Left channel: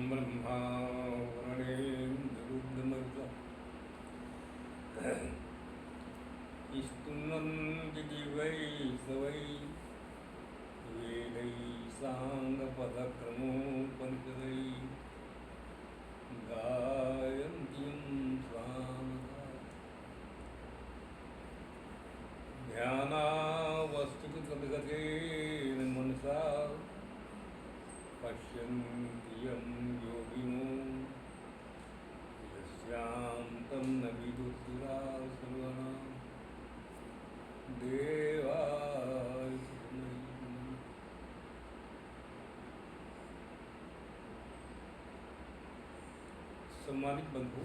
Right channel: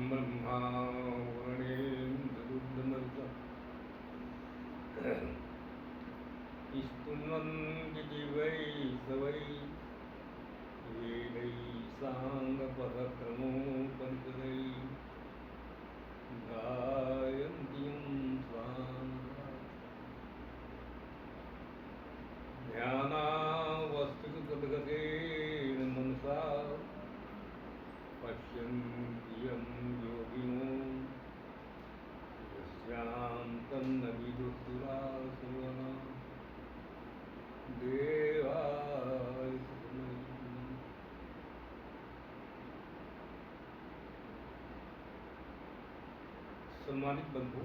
ब्रह्मा वरुणेन्द्ररुद्रमरुतः स्तुवन्ति दिवैः सवैः वेदैः साङ्गपदक्रमोपनिषदैः गायन्तीं स्वाहा ध्यानावस्थितगतेन मनसा पश्यन्ति यं योगिनो यस्यान्तं न विदुर्दुरासुराः देवाय तस्मै। सम्मानित बंधु,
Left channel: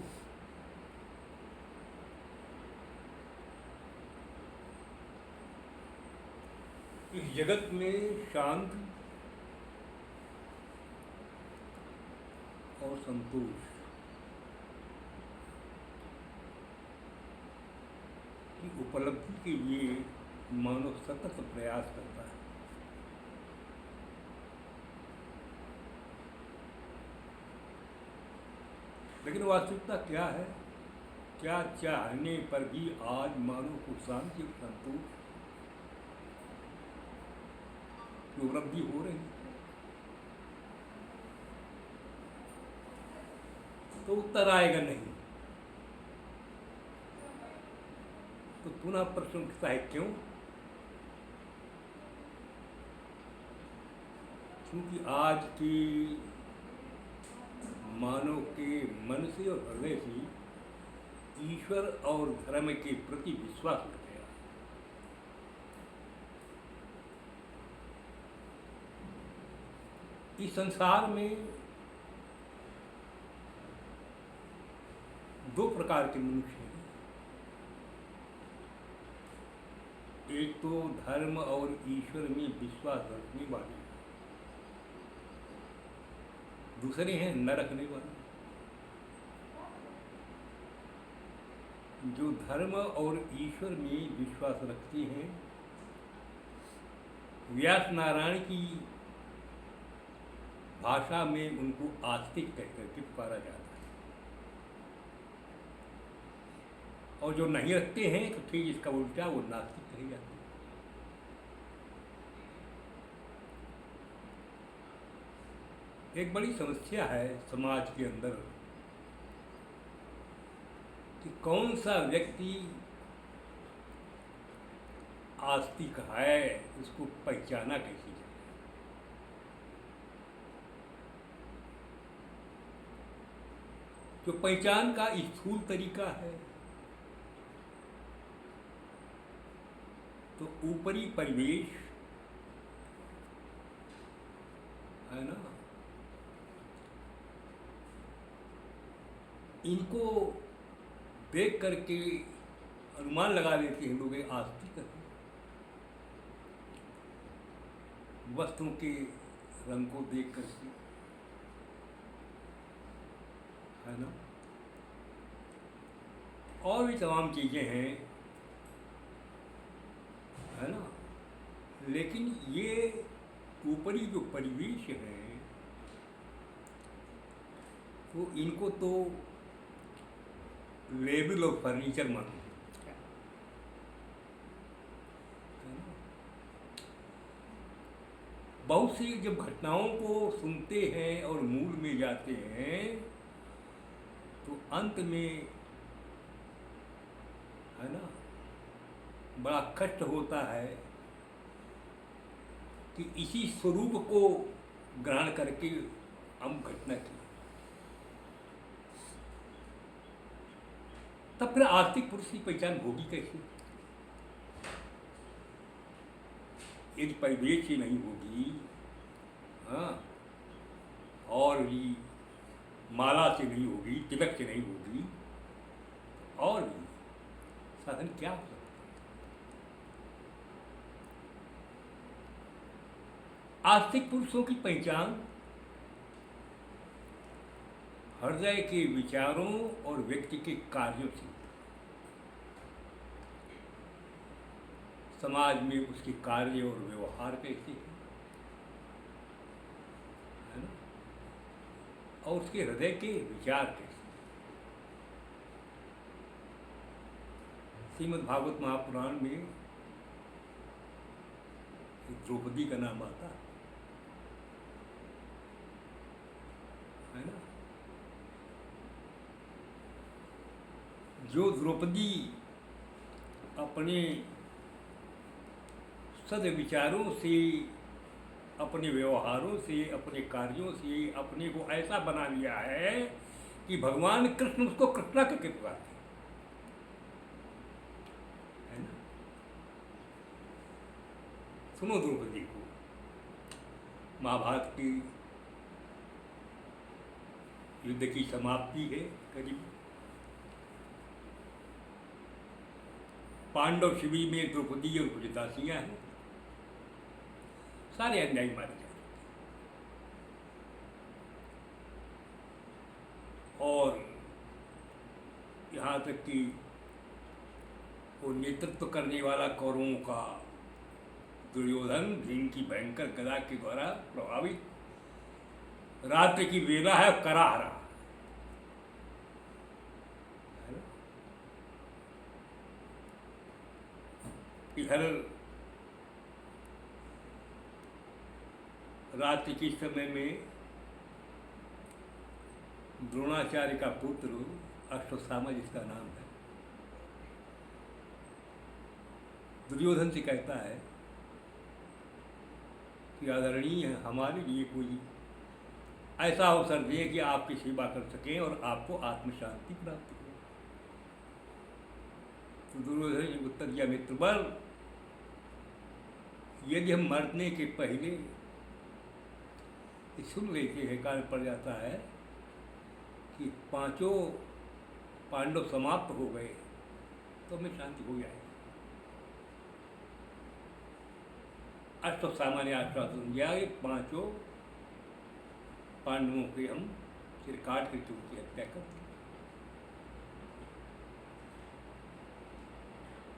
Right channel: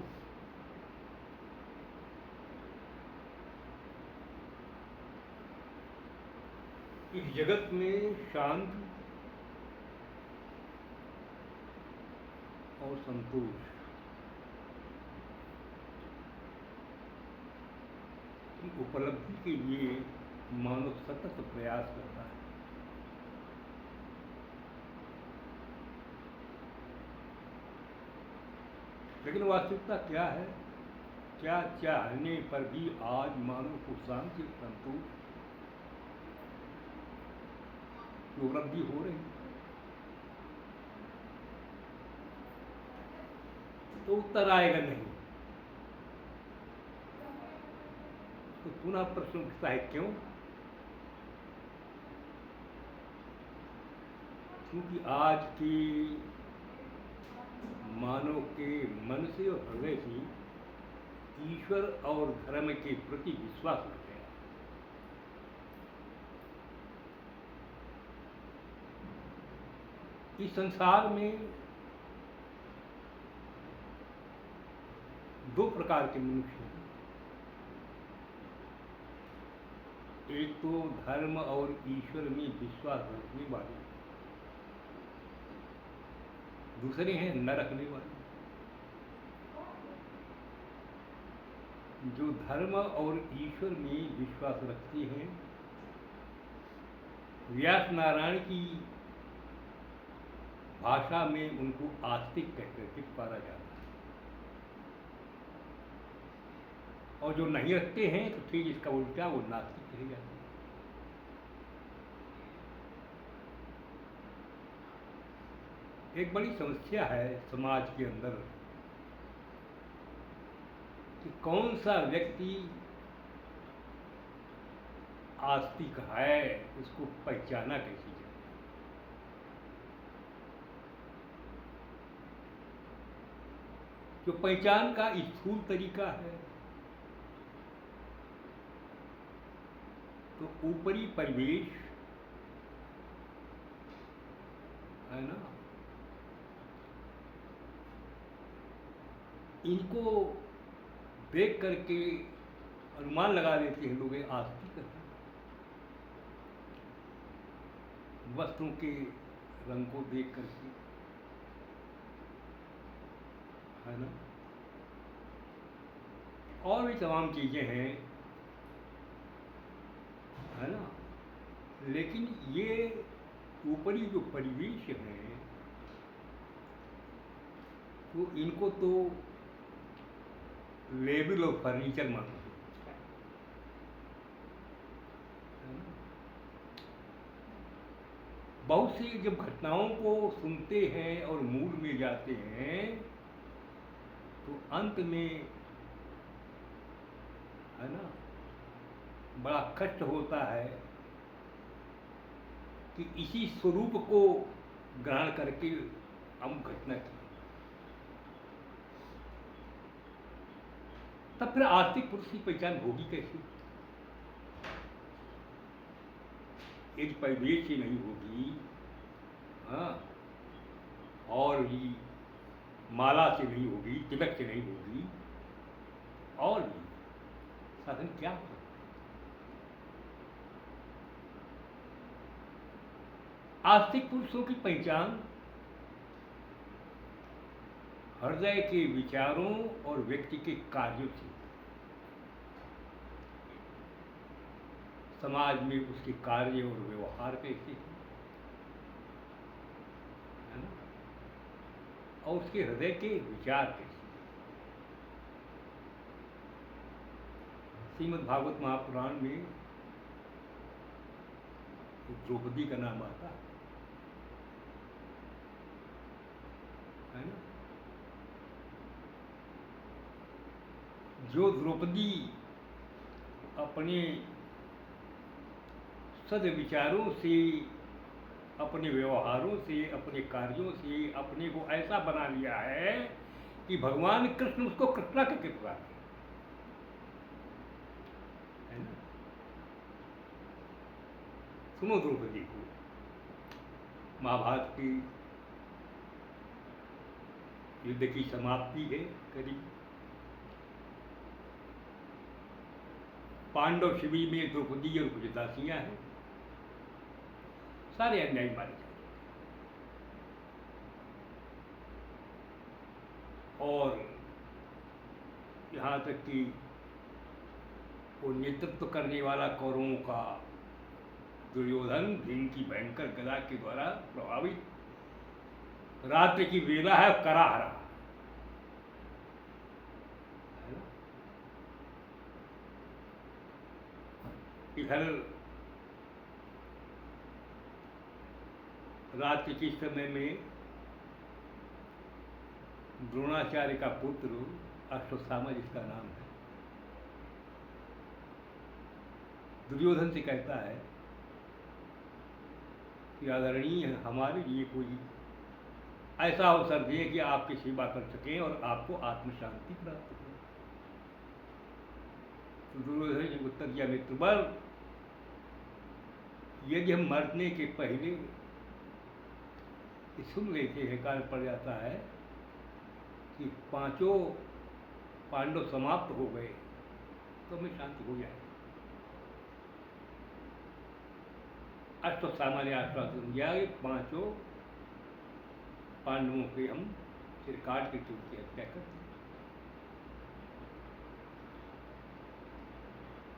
इस जगत में शांति और संतोष की उपलब्धि के लिए मानव सतत प्रयास करता है। लेकिन वास्तविकता क्या है? क्या चाहने पर भी आज मानव को शांति और संतोष की उपलब्धि हो रही है? तो उत्तर आएगा नहीं। तो पुनः प्रश्न उठता है, क्यों? क्योंकि आज की मानव के मन से और हृदय से ईश्वर और धर्म के प्रति विश्वास उठ गया। इस संसार में दो प्रकार के मनुष्य हैं। एक तो धर्म और ईश्वर में विश्वास रखने वाले, दूसरे हैं न रखने वाले। जो धर्म और ईश्वर में विश्वास रखते हैं, व्यास नारायण की भाषा में उनको आस्तिक कहकर के पुकारा जाता है। और जो नहीं रखते हैं तो ठीक इसका उल्टा वो नास्तिक कहे जाते हैं। एक बड़ी समस्या है समाज के अंदर कि कौन सा व्यक्ति आस्तिक है, इसको पहचाना कैसे जाए। जो पहचान का स्थूल तरीका है, तो ऊपरी परिवेश है ना, इनको देख करके अनुमान लगा लेते हैं लोग आस्तिक हैं। वस्तुओं के रंग को देख करके, है ना, और भी तमाम चीजें हैं, है ना। लेकिन ये ऊपरी जो परिवेश है, तो इनको तो लेबल और फर्नीचर मानो। बहुत सी जब घटनाओं को सुनते हैं और मूल में जाते हैं, तो अंत में, है ना, बड़ा कष्ट होता है कि इसी स्वरूप को ग्रहण करके हम घटना की। तब फिर आस्तिक पुरुष की पहचान होगी कैसे? एक परिवेश ही नहीं होगी, हाँ, और भी माला से नहीं होगी, तिलक से नहीं होगी, और भी साधन क्या हो सकता है? आस्तिक पुरुषों की पहचान हृदय के विचारों और व्यक्ति के कार्यों से, समाज में उसके कार्य और व्यवहार कैसे है ना, और उसके हृदय के विचार कैसे। श्रीमद् भागवत महापुराण में द्रौपदी का नाम आता है ना। जो द्रौपदी अपने सद्विचारों से, अपने व्यवहारों से, अपने कार्यों से अपने को ऐसा बना लिया है कि भगवान कृष्ण उसको कृष्णा के पुकारते है ना। सुनो द्रौपदी को, महाभारत की युद्ध की समाप्ति है करीब। पांडव शिविर में द्रौपदी और कुछ दासियां हैं, सारे अन्यायी मारे जाते और यहाँ तक कि वो नेतृत्व करने वाला कौरवों का दुर्योधन, जिनकी भयंकर गदा के द्वारा प्रभावित, रात्रि की वेला है, कराह रहा है। इधर रात्रि के समय में द्रोणाचार्य का पुत्र अश्वत्थामा, जिसका नाम है, दुर्योधन से कहता है कि आदरणीय हमारे लिए कोई ऐसा अवसर दें कि आपकी सेवा कर सकें और आपको आत्म शांति प्राप्त हो। तो दुर्योधन ने उत्तर दिया, मित्रवर, यदि हम मरने के पहले सुन लेते हैं, कान पड़ जाता है कि पांचों पांडव समाप्त हो गए, तो हमें शांति हो जाए। अश्वत्थामा ने आश्वासन दिया कि पांचों पांडवों के हम सिर काट के उनकी हत्या कर दें।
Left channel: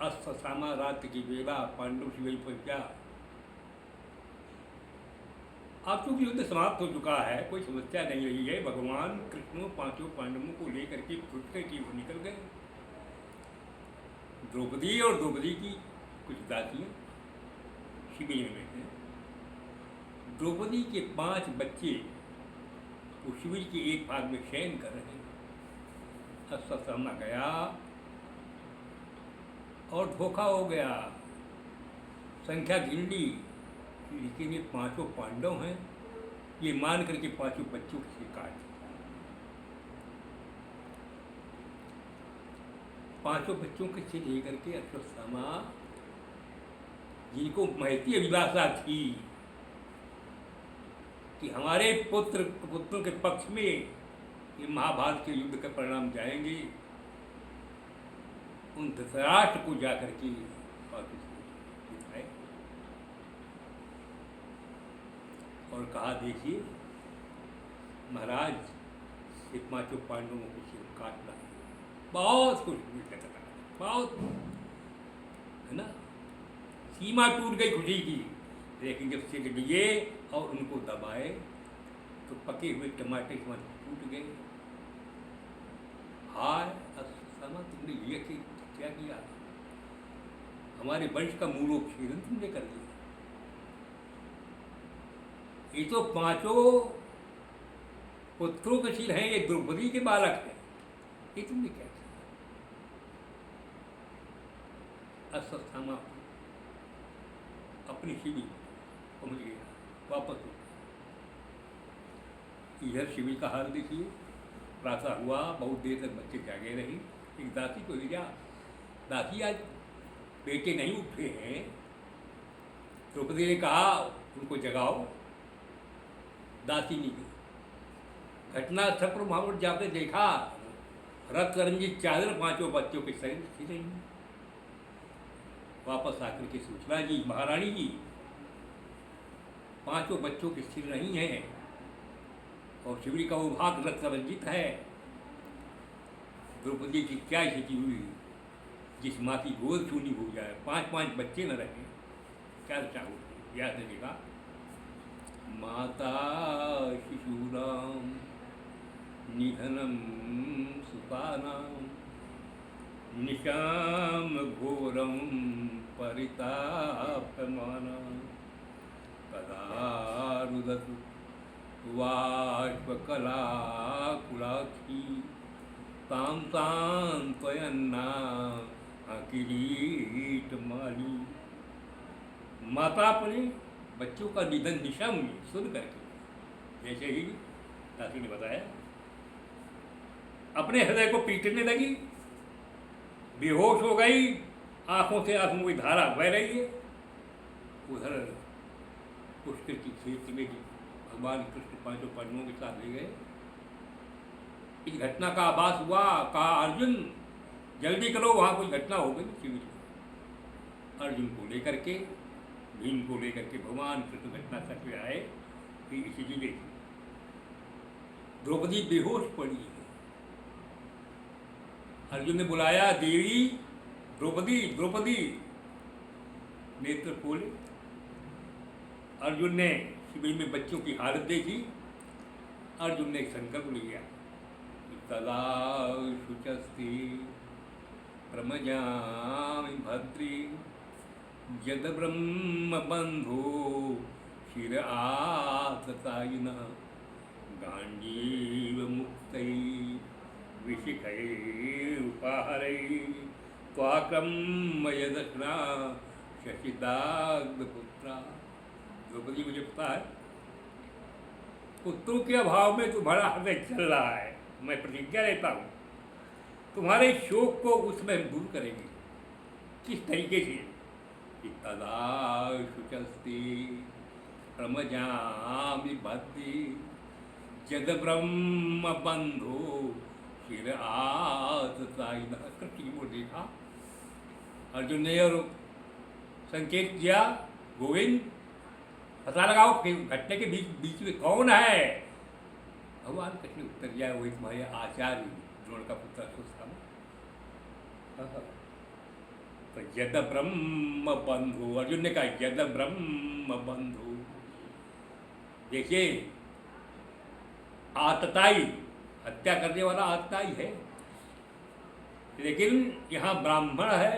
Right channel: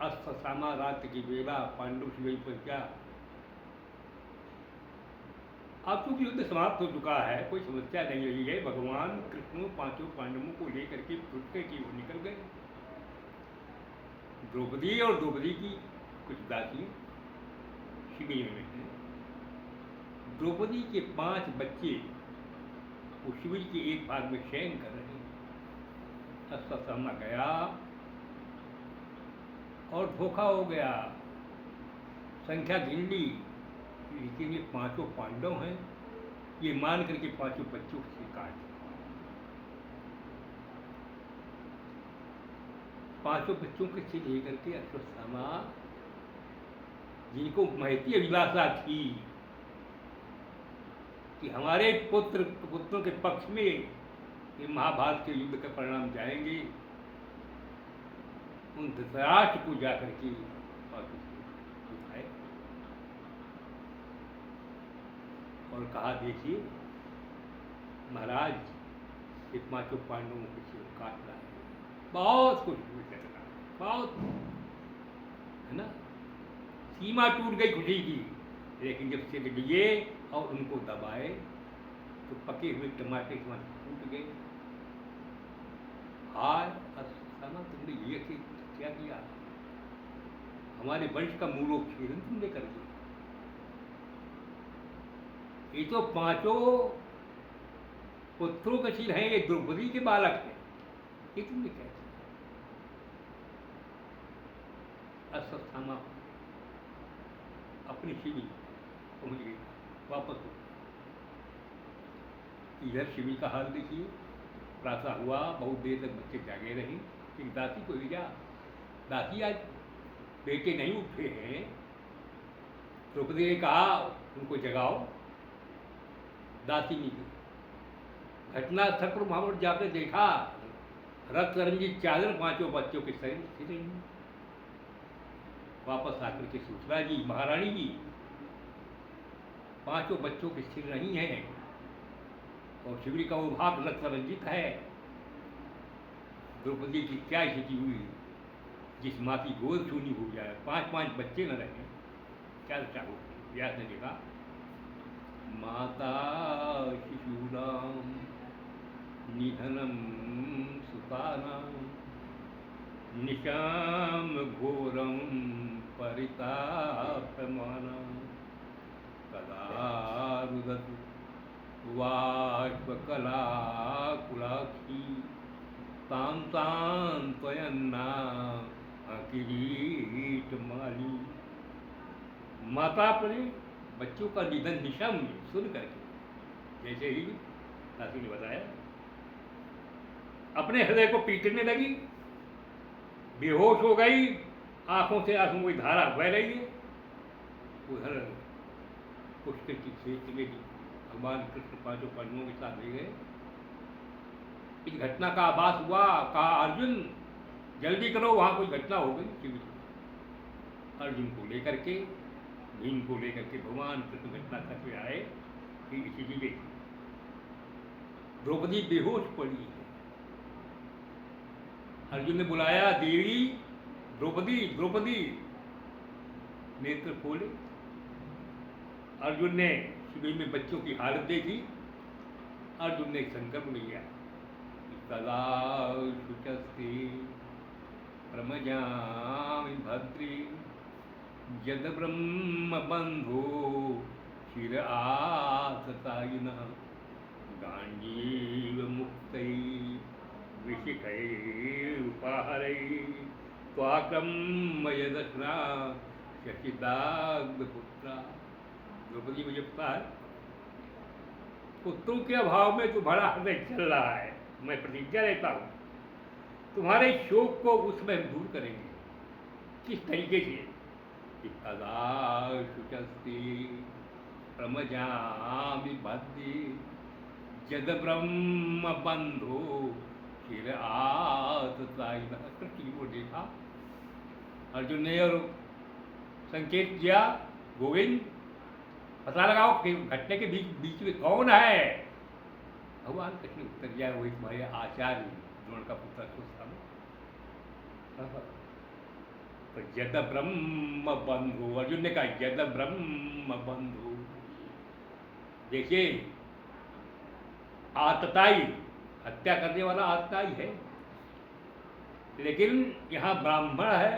अश्वत्थामा रात्रि की बेला पांडव से वही पहुंचा। अब चूंकि युद्ध समाप्त हो चुका है, कोई समस्या नहीं रही है, भगवान कृष्ण पांचों पांडवों को लेकर के छुटके की ओर निकल गए। द्रौपदी और द्रौपदी की कुछ दासियां शिविर में थे। द्रौपदी के 5 बच्चे वो शिविर के एक भाग में शयन कर रहे थे। अश्वत्थामा गया और धोखा हो गया, संख्या गिन ली, लेकिन ये 5 पांडव हैं, ये मान करके 5 बच्चों को काट दिया। 5 बच्चों के सिर लेकर के अश्वत्थामा, जिनको महती अभिलाषा थी कि हमारे पुत्रों के पक्ष में ये महाभारत के युद्ध का परिणाम जाएंगे, उन धृतराष्ट्र को जाकर के दिखाए और कहा, देखिए महाराज, ये 5 पांडवों को सिर काटना है। बहुत कुछ बहुत है ना, सीमा टूट गई खुशी की। लेकिन जब सिर लिए और उनको दबाए तो पके हुए टमाटर टूट गए। हाय अश्वत्थामा, तुमने ये क्या किया? हमारे वंश का मूलोच्छेदन तुमने कर दिया। ये तो 5 पुत्रों के सिर हैं, ये द्रौपदी के बालक हैं, ये तुमने क्या किया? अश्वत्थामा अपनी शिविर पहुँच गया, वापस हो गया। इधर शिविर का हाल देखिए, प्रातः हुआ, बहुत देर तक बच्चे जागे रही। एक दासी को लिया, दासी आज बेटे नहीं उठे हैं। द्रौपदी ने कहा उनको जगाओ। दासी ने घटना स्थल पर वहाँ पर जाकर देखा, रक्त रंजित चादर 5 बच्चों के शरीर थी रही। वापस आकर के सूचना जी, महारानी जी, 5 बच्चों के सिर नहीं हैं और शिविर का वो भाग रक्त रंजित है। द्रौपदी की क्या स्थिति हुई, जिस माँ की गोद छूनी हो जाए, 5 बच्चे न रहे, क्या चाहो। याद ने लिखा, माता शिशुराम निधनम सुपानां निशाम घोरम परितापमानं तदा रुदतु वाष्पकलाकुलाक्षी तां तां त्वयन्ना किरीटमाली। माता अपने बच्चों का निधन दिशा में सुन करके, जैसे ही सासू ने बताया, अपने हृदय को पीटने लगी, बेहोश हो गई, आंखों से आंसू की धारा बह रही है। उधर पुष्कर की खेत में भगवान कृष्ण पांचों पांडवों के साथ ले गए। इस घटना का आभास हुआ, कहा अर्जुन जल्दी करो, वहां कोई घटना हो गई शिविर में। अर्जुन को लेकर के, भीम को लेकर के भगवान कृष्ण घटना तक आए। इसी देखी द्रौपदी बेहोश पड़ी है। अर्जुन ने बुलाया, देवी द्रौपदी द्रौपदी, नेत्र खोले। अर्जुन ने शिविर में बच्चों की हालत देखी। अर्जुन ने संकल्प लिया, तदा शुचस्ते प्रमजामि भद्री यद ब्रह्म बंधो शिर आततायिनः गांडीव मुक्तै विशिखैरुपाहरै त्वाक्रम्य यदश्ना शशिदाग्धपुत्रा। द्रौपदी मुझे पता है पुत्रों के अभाव में तुम्हारा हृदय चल रहा है। मैं प्रतिज्ञा लेता हूँ तुम्हारे शोक को उसमें दूर करेंगे। किस तरीके से? तदा शुचस्ते प्रमजामि भद्री यद ब्रह्म बंधो फिर आततायिनः। कृष्ण को देखा अर्जुन ने और संकेत किया, गोविंद पता लगाओ कि घटने के बीच में कौन है। भगवान कृष्ण उत्तर दिया, वही तुम्हारे आचार्य द्रोण का पुत्र अश्वत्थामा। तो यद ब्रह्म बंधु, अर्जुन ने कहा यद ब्रह्म बंधु। देखिए आतताई, हत्या करने वाला आतताई है, लेकिन यहाँ ब्राह्मण है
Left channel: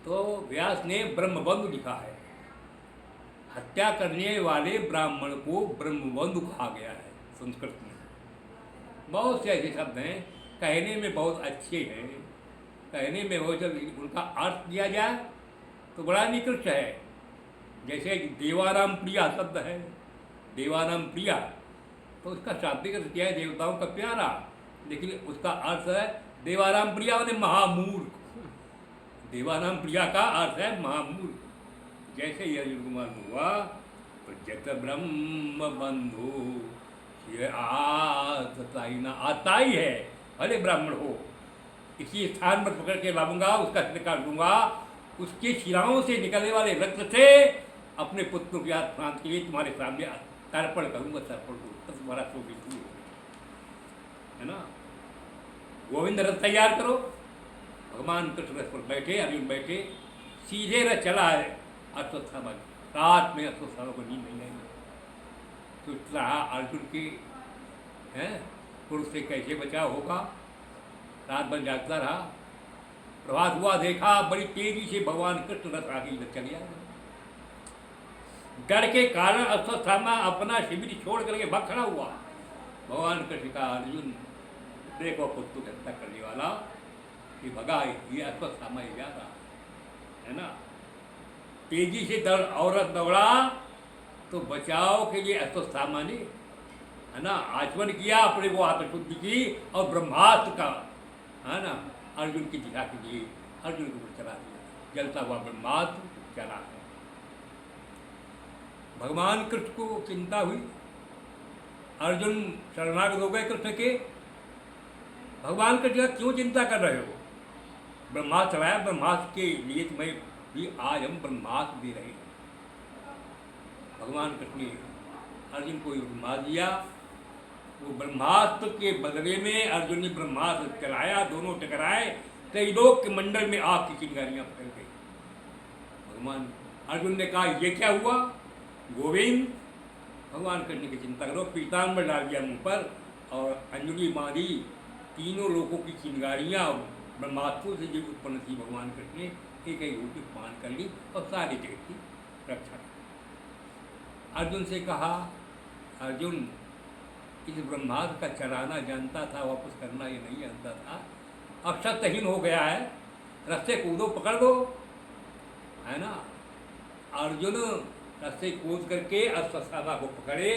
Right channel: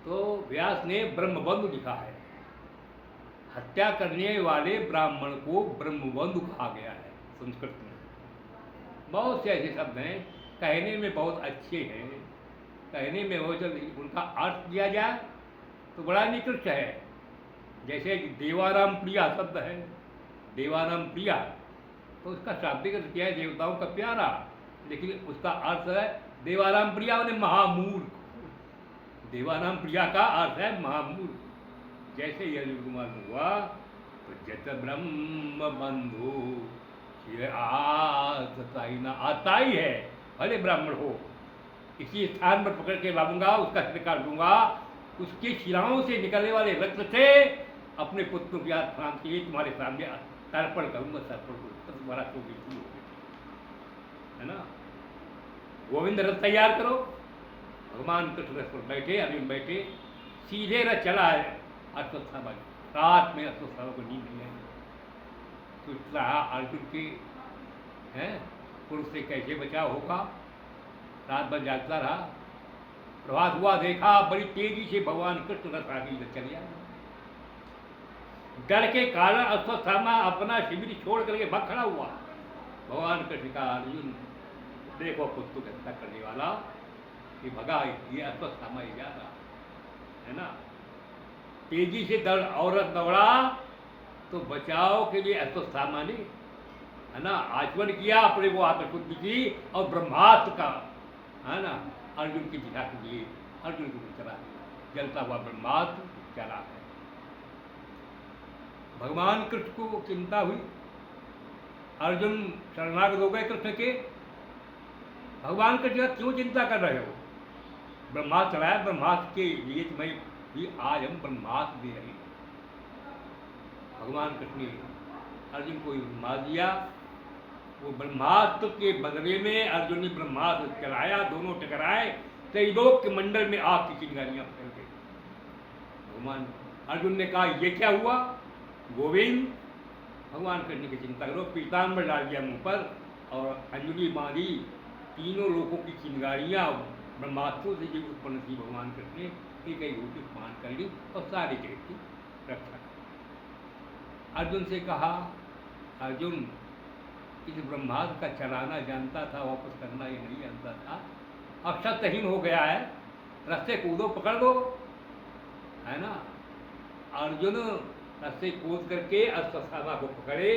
तो व्यास ने ब्रह्मबंधु लिखा है। हत्या करने वाले ब्राह्मण को ब्रह्मबंधु कहा गया है संस्कृत में। बहुत से ऐसे शब्द हैं, कहने में बहुत अच्छे हैं, कहने में वो जब उनका अर्थ दिया जाए तो बड़ा निकृष्ट है। जैसे देवाराम प्रिया शब्द है, देवाराम प्रिया, तो उसका शाब्दिक अर्थ क्या है? देवताओं का प्यारा, लेकिन उसका अर्थ है देवाराम प्रिया माने महामूर्ख। देवाराम प्रिया का अर्थ है महामूर्ख। जैसे ही अर्जुन को मालूम हुआ तो जत ब्रह्म बंधु ये आततायिना, आताई है, भले ब्राह्मण हो, इसी स्थान पर पकड़ के लाऊंगा, उसका निकाल दूंगा, उसके शिराओं से निकलने वाले रक्त से अपने पुत्रों की आत्मा के लिए तुम्हारे सामने तर्पण करूंगा, तर्पण करूंगा। तुम्हारा शोक शुरू हो गया है ना। गोविंद रथ तैयार करो। भगवान कृष्ण रथ पर बैठे, अर्जुन बैठे, सीधे रथ चला है अश्वत्थामा। रात में अश्वत्थामा को नींद नहीं आई। सोच रहा अर्जुन के हैं पुरुष से कैसे बचाव होगा। रात भर जागता रहा। प्रभात हुआ, देखा बड़ी तेजी से भगवान कृष्ण रथ आगे चले आए। डर के कारण अश्वत्थामा अपना शिविर छोड़ करके भाग खड़ा हुआ। भगवान कृष्ण का, अर्जुन देखो पुत्र की हत्या करने वाला ये भगा, ये अश्वत्थामा ही ज्यादा है ना। तेजी से औरत दौड़ा तो बचाव के लिए अश्वत्थामा ने है ना आचमन किया, अपने को आत्मशुद्धि की और ब्रह्मास्त्र का है ना अर्जुन की दिशा के लिए अर्जुन को चला दिया। जलता हुआ ब्रह्मास्त्र चला है। भगवान कृष्ण को चिंता हुई, अर्जुन शरणागत हो गए कृष्ण के। भगवान कृष्ण क्यों चिंता कर रहे हो? ब्रह्मास्त्र चलाया, ब्रह्मास्त्र के लिए तुम्हें भी आज हम ब्रह्मास्त्र दे रहे हैं। भगवान कृष्ण ने अर्जुन को ब्रह्मास्त्र दिया। वो ब्रह्मास्त्र के बदले में अर्जुन ने ब्रह्मास्त्र चलाया, दोनों टकराए, त्रिलोक के मंडल में आग की चिंगारियां फैल गई। भगवान अर्जुन ने कहा ये क्या हुआ? गोविंद, भगवान कृष्ण की चिंता करो, पीताम्बर डाल दिया मुंह पर और अंजलि बांधी, तीनों लोगों की चिंगारियाँ ब्रह्मास्त्रों से जो उत्पन्न थी भगवान कृष्ण ने एक एक रूप मान कर ली और सारे देश की रक्षा की। अर्जुन से कहा, अर्जुन इस ब्रह्मास्त्र का चलाना जानता था, वापस करना ये नहीं जानता था, अब शक्तिहीन हो गया है, रस्ते कूदो पकड़ लो, है ना। अर्जुन रस्ते कूद करके अश्वत्थामा को पकड़े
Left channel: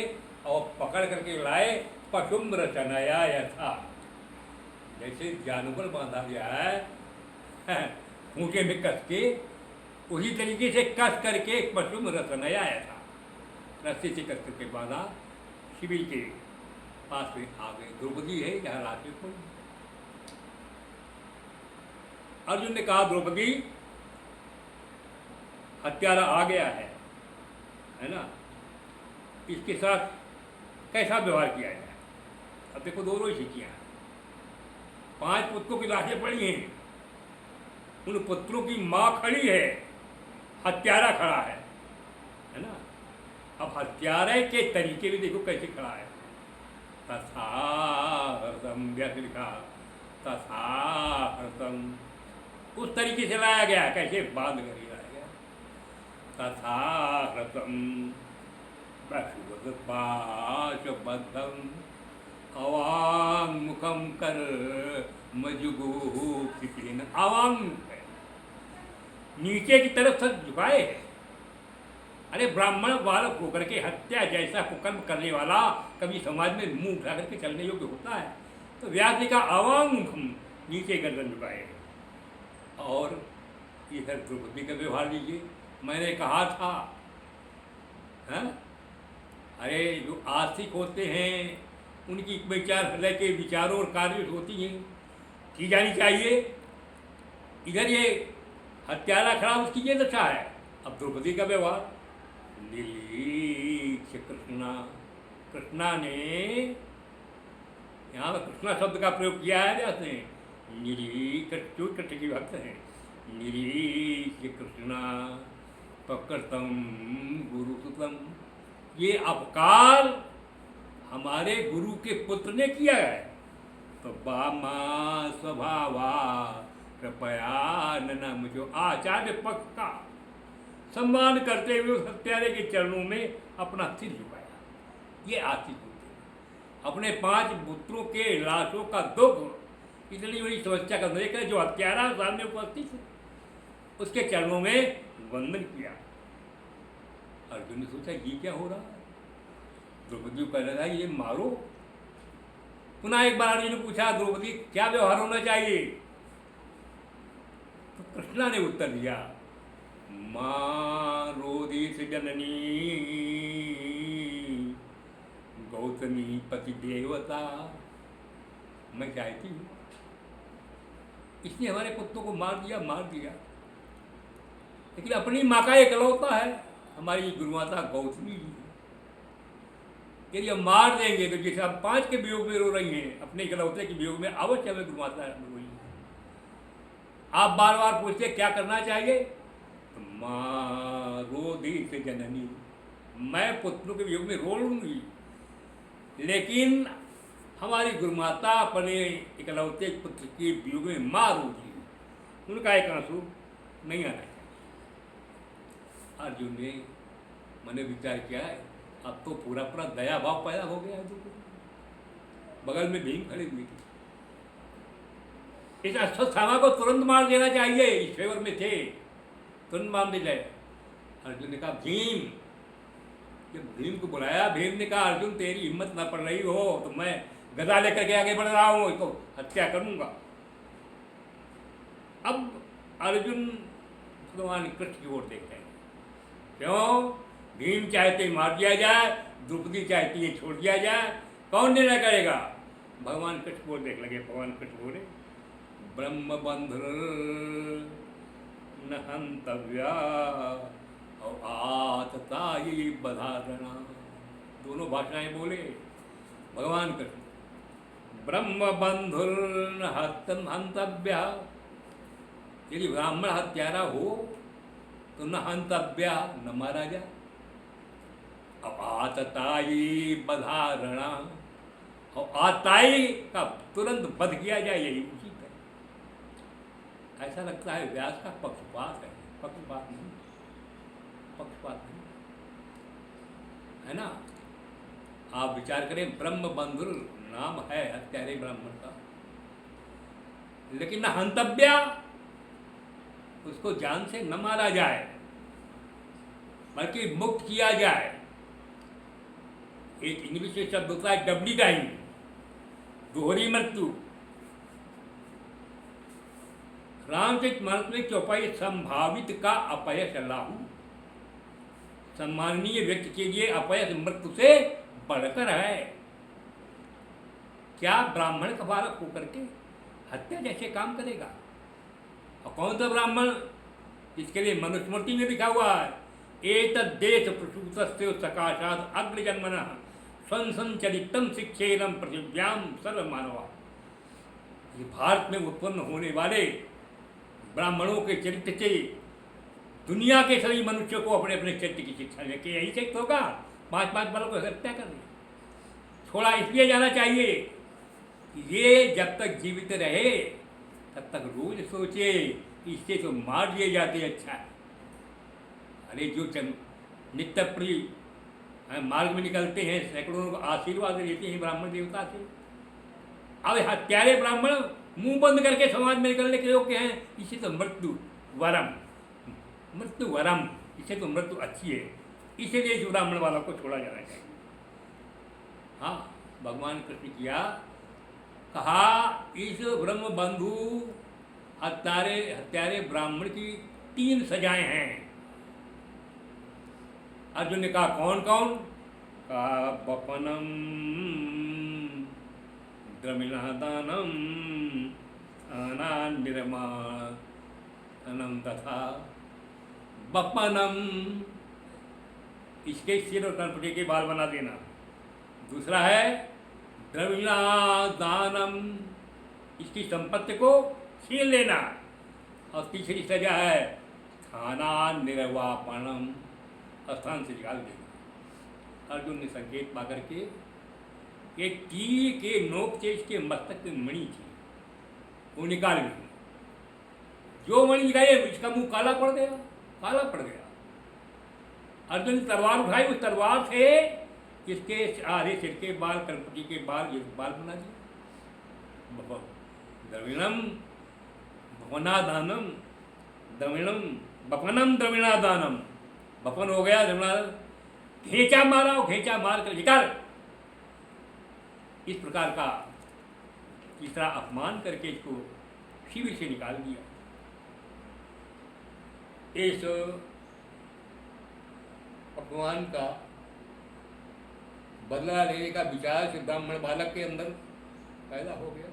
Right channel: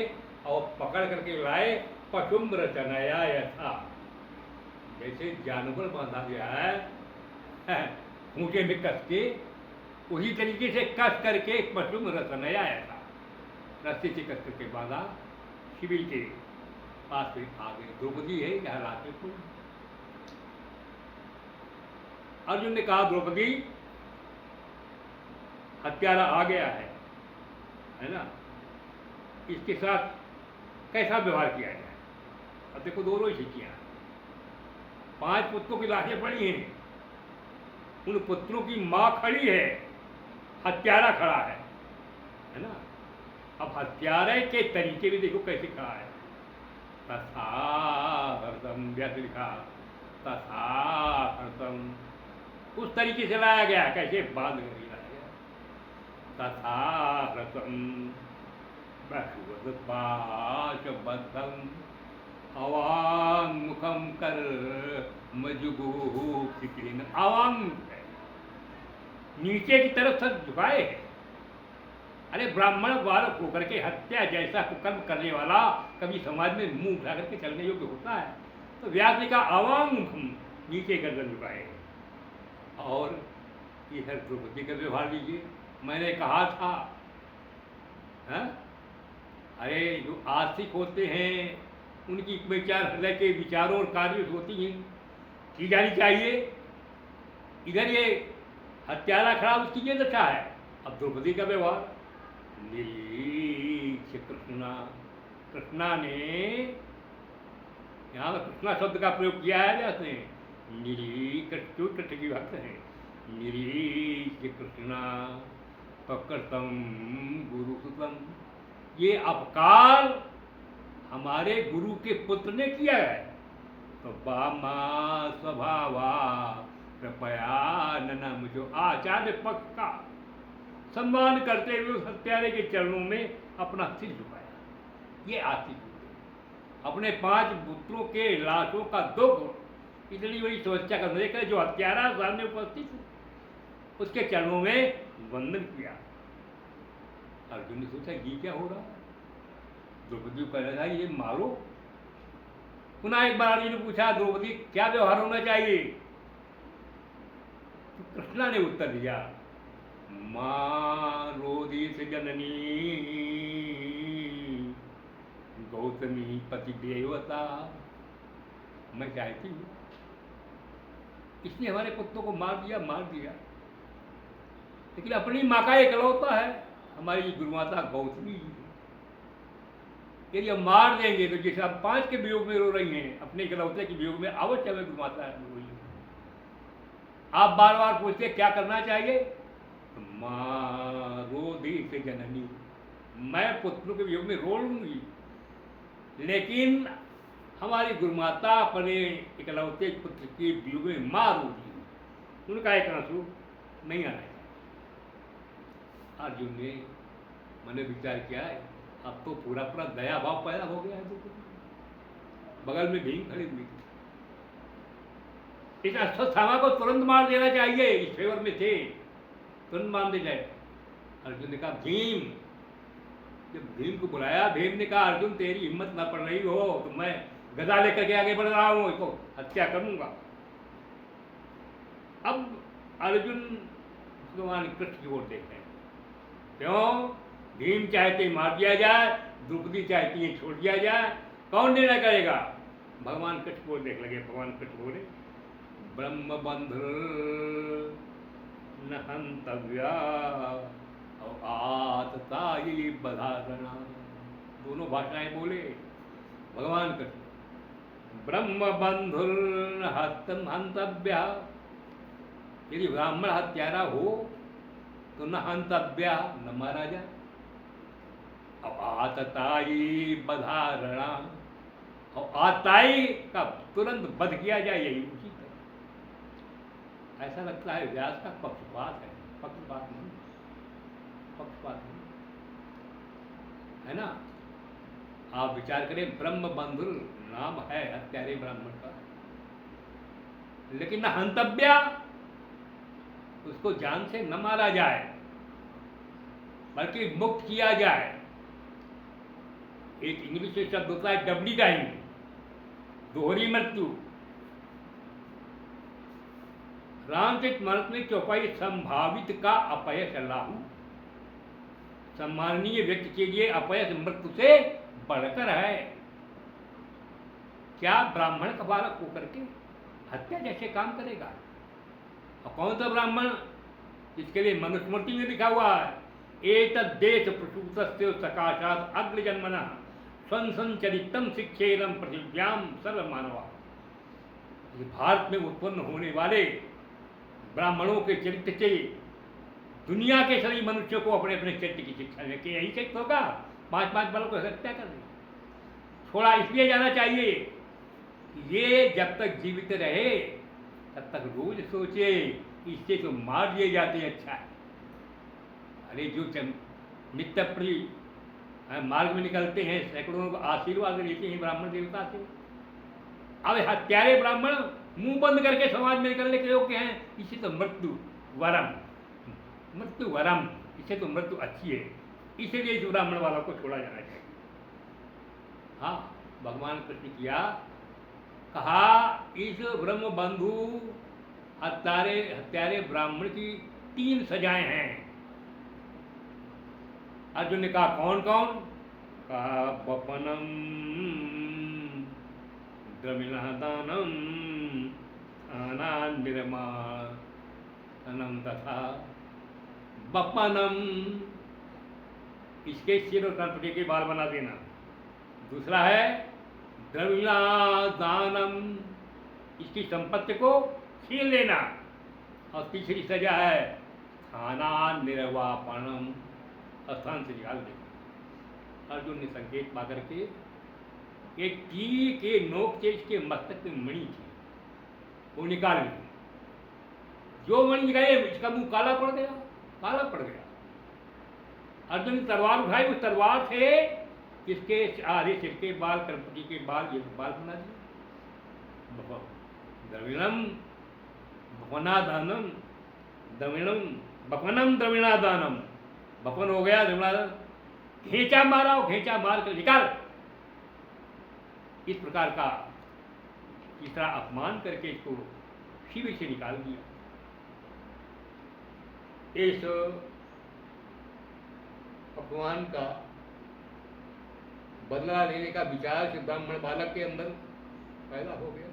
और पकड़ करके लाए पशुम रचनाया यथा, जैसे जानवर बांधा गया है खूंटे में कस के, उसी तरीके से कस करके पशुम रचनाया यथा, रस्ते से कस करके बांधा, शिविर के पास में आ गए। द्रौपदी है यहाँ रात में कोई। अर्जुन ने कहा, द्रौपदी हत्यारा आ गया है ना, इसके साथ कैसा व्यवहार किया जाए। अब देखो दोनों ही स्थितियाँ हैं, 5 पुत्रों की लाशें पड़ी हैं, उन पुत्रों की माँ खड़ी है, हत्यारा खड़ा है ना। अब हत्यारे के तरीके भी देखो कैसे खड़ा है, तथा हर्षम व्यक्त लिखा, तथा हर्षम उस तरीके से लाया गया, कैसे बांध कर लाया गया, तथा हर्षम पाशुबद्धम अवांग मुखम कर मजुगुन, अवांग है, नीचे की तरफ सब झुकाए। अरे ब्राह्मण बालक होकर के हत्या जैसा कुकर्म करने वाला कभी समाज में मुंह उठा करके चलने योग्य होता है? तो व्यास जी का अवांग मुखम, नीचे गर्दन झुकाए। और ये है द्रौपदी का व्यवहार लीजिए, मैंने कहा था है? अरे जो आस्तिक होते हैं उनकी विचार हृदय के विचारों और कार्यों होती हैं, की जानी चाहिए। इधर ये हत्यारा खड़ा, उसकी ये दशा है। अब द्रौपदी का व्यवहार, निरीक्ष कृष्णा, कृष्णा ने यहाँ पर कृष्णा शब्द का प्रयोग किया है जैसे कृष्ण की भक्त हैं। निरीक्ष कृष्णा पकड़तम गुरुसुतम, ये अपकार हमारे गुरु के पुत्र ने किया है, तो बामा स्वभावा कृपया न, मुझे आचार्य पक्ष का सम्मान करते हुए उस हत्यारे के चरणों में अपना सिर झुकाया। ये आस्तिक होते हैं, अपने 5 पुत्रों के लाशों का दुख इतनी बड़ी समस्या का देखकर जो हत्यारा सामने उपस्थित है उसके चरणों में वंदन किया। अर्जुन ने सोचा ये क्या हो रहा है, द्रौपदी को कह रहा है ये मारो। पुनः एक बार अर्जुन ने पूछा, द्रौपदी क्या व्यवहार होना चाहिए? तो कृष्णा ने उत्तर दिया, मां रोदित जननी गौतमी पति देवता, मैं चाहती हूँ इसने हमारे पुत्रों को मार दिया, लेकिन अपनी माँ का एकलौता है, हमारी गुरुमाता गौतमी जी, यदि हम मार देंगे तो जैसे आप 5 के वियोग में रो रही हैं, अपने इकलौते के वियोग में अवश्य हमें गुरुमाता है रोई। आप बार बार पूछते क्या करना चाहिए? तो माँ रोदित जननी, मैं पुत्रों के वियोग में रो लूंगी, लेकिन हमारी गुरुमाता अपने इकलौते पुत्र के वियोग में मार होगी, उनका एक आंसू नहीं आना है। अर्जुन ने मैंने विचार किया है, अब तो पूरा दया भाव पैदा हो गया है। बगल में भीम खड़ी हुई थी, इस अश्वत्थामा को तुरंत मार देना चाहिए, इस फेवर में थे, तुरंत मार दे जाए। अर्जुन ने कहा भीम, जब भीम को बुलाया, भीम ने कहा अर्जुन तेरी हिम्मत ना पड़ रही हो तो मैं गदा लेकर के आगे बढ़ रहा हूँ, इसको हत्या करूंगा। अब अर्जुन भगवान कृष्ण की ओर देख रहे हैं, क्यों? भीम चाहते मार दिया जाए, द्रौपदी चाहती है छोड़ दिया जाए, कौन निर्णय करेगा? भगवान कृष्ण को देख लगे। भगवान कृष्ण बोले, ब्रह्म बंधु न हंतव्या और आतताई बधागना, दोनों भाषाएं बोले भगवान कृष्ण। ब्रह्म बंधु न हंतव्या, यदि ब्राह्मण हत्यारा हो तो न हंतव्या, न मारा जा। अब आतताई बधारणा, और आताई का तुरंत वध किया जाए, यही उसी पर। ऐसा लगता है व्यास का पक्षपात है, पक्षपात नहीं, पक्षपात नहीं है ना। आप विचार करें, ब्रह्म बंधु नाम है हत्यारे ब्राह्मण का, लेकिन न हंतव्या, उसको जान से न मारा जाए बल्कि मुक्त किया जाए। एक इंग्लिश में शब्द होता है डबली डाइंग, दोहरी मृत्यु। रामकृष्ण मनुष्य में चौपाई संभावित का अपयश लाहू, सम्माननीय व्यक्ति के लिए अपयश मृत्यु से बढ़कर है। क्या ब्राह्मण का बालक होकर के हत्या जैसे काम करेगा? और कौन सा ब्राह्मण? इसके लिए मनुस्मृति में लिखा हुआ है, एतद् देश प्रसूतस्य सकाशात् अग्रजन्मनः संसंचरितम शिक्षेरम पृथिव्याम सर्व मानवा। ये भारत में उत्पन्न होने वाले ब्राह्मणों के चरित्र से दुनिया के सभी मनुष्यों को अपने अपने चरित्र की शिक्षा लेके यही चरित्र होगा। 5-5 बालों को हत्या करनी, थोड़ा इसलिए जाना चाहिए, ये जब तक जीवित रहे तब तक रोज सोचे इससे तो मार दिए जाते अच्छा है। अरे जो नित्य प्रिय मार्ग में निकलते हैं, सैकड़ों को आशीर्वाद लेते हैं ब्राह्मण देवता से। अब हत्यारे ब्राह्मण मुंह बंद करके समाज में निकलने के योग्य हैं, इसे तो मृत्यु वरम, मृत्यु वरम, इसे तो मृत्यु अच्छी है, इसीलिए इस ब्राह्मण वालों को छोड़ा जाना चाहिए। हाँ, भगवान कृष्ण किया कहा, इस ब्रह्म बंधु हत्यारे ब्राह्मण की 3 सजाएं हैं। अर्जुन ने कहा कौन कौन? कहा बपनम द्रविणादानम अनान निर्माणम तथा बपनम, इसके सिर और कनपटी के बाल बना देना। दूसरा है द्रविणादानम, इसकी संपत्ति को छीन लेना। और तीसरी सजा है स्थाना निर्वापणम, स्थान से निकाल देना। अर्जुन ने संकेत पा करके एक तीर के नोक से इसके मस्तक में मणि थी, वो निकाल ली। जो मणि गए इसका मुंह काला पड़ गया, काला पड़ गया। अर्जुन ने तलवार उठाई, उस तलवार से इसके आधे सिर के बाल, कनपटी के बाल, ये बाल बना दिए। द्रविणम भवनादानम, द्रविणम बपनम द्रविणादानम, बपन हो गया द्रविणादान, घेंचा मारा, घेंचा मार कर निकाल। इस प्रकार का तीसरा अपमान करके इसको शिविर से निकाल दिया। इस अपमान का बदला लेने का विचार से ब्राह्मण बालक के अंदर पैदा हो गया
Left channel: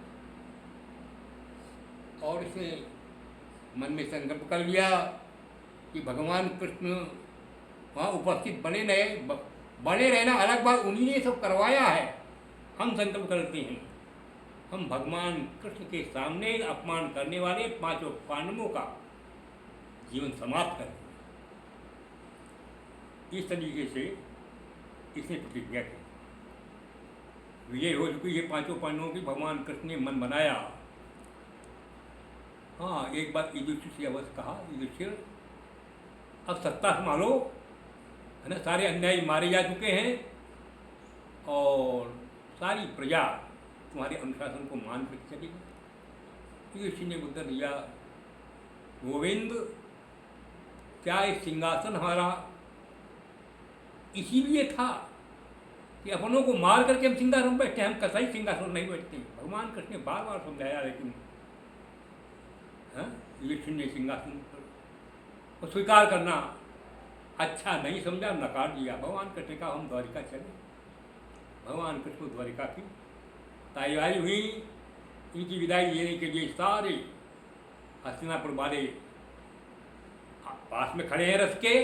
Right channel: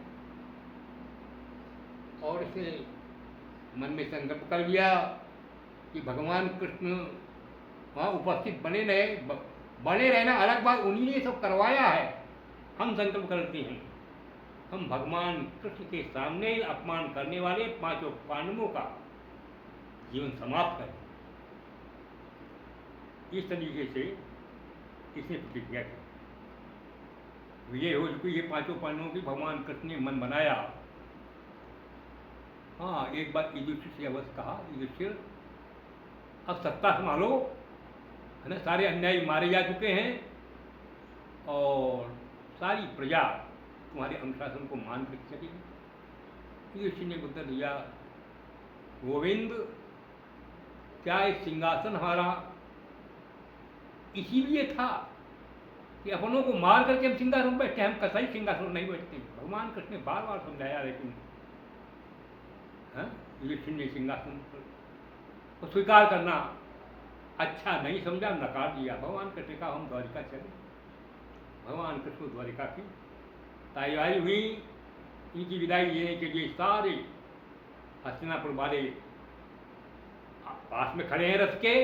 और इसने मन में संकल्प कर लिया कि भगवान कृष्ण वहाँ उपस्थित बने रहना अलग बात, उन्हीं ने सब करवाया है। हम संकल्प करते हैं हम भगवान कृष्ण के सामने अपमान करने वाले 5 पांडवों का जीवन समाप्त करें। इस तरीके से इसने प्रतिज्ञा की। विजय हो चुकी है 5 पांडवों की, भगवान कृष्ण ने मन बनाया। हाँ, एक बात युधिष्ठिर से अवश्य कहा, युधिष्ठिर अब सत्ता संभालो, है ना, सारे अन्यायी मारे जा चुके हैं और सारी प्रजा तुम्हारे अनुशासन को मान कर सकेगी। युधिष्ठिर ने उत्तर दिया, गोविंद क्या एक सिंहासन हमारा इसीलिए था कि अपनों को मार करके हम सिंहासन बैठते, हम कसाई सिंहासन नहीं बैठते। भगवान कृष्ण ने बार बार समझाया, लेकिन युधिष्ठिर ने सिंहासन को स्वीकार करना अच्छा नहीं समझा, नकार दिया। भगवान कृष्ण का हम द्वारिका चले। भगवान कृष्ण द्वारिका की तैयारी हुई। इनकी विदाई लेने के लिए सारे हस्तिनापुर वाले पास में खड़े हैं रथ के,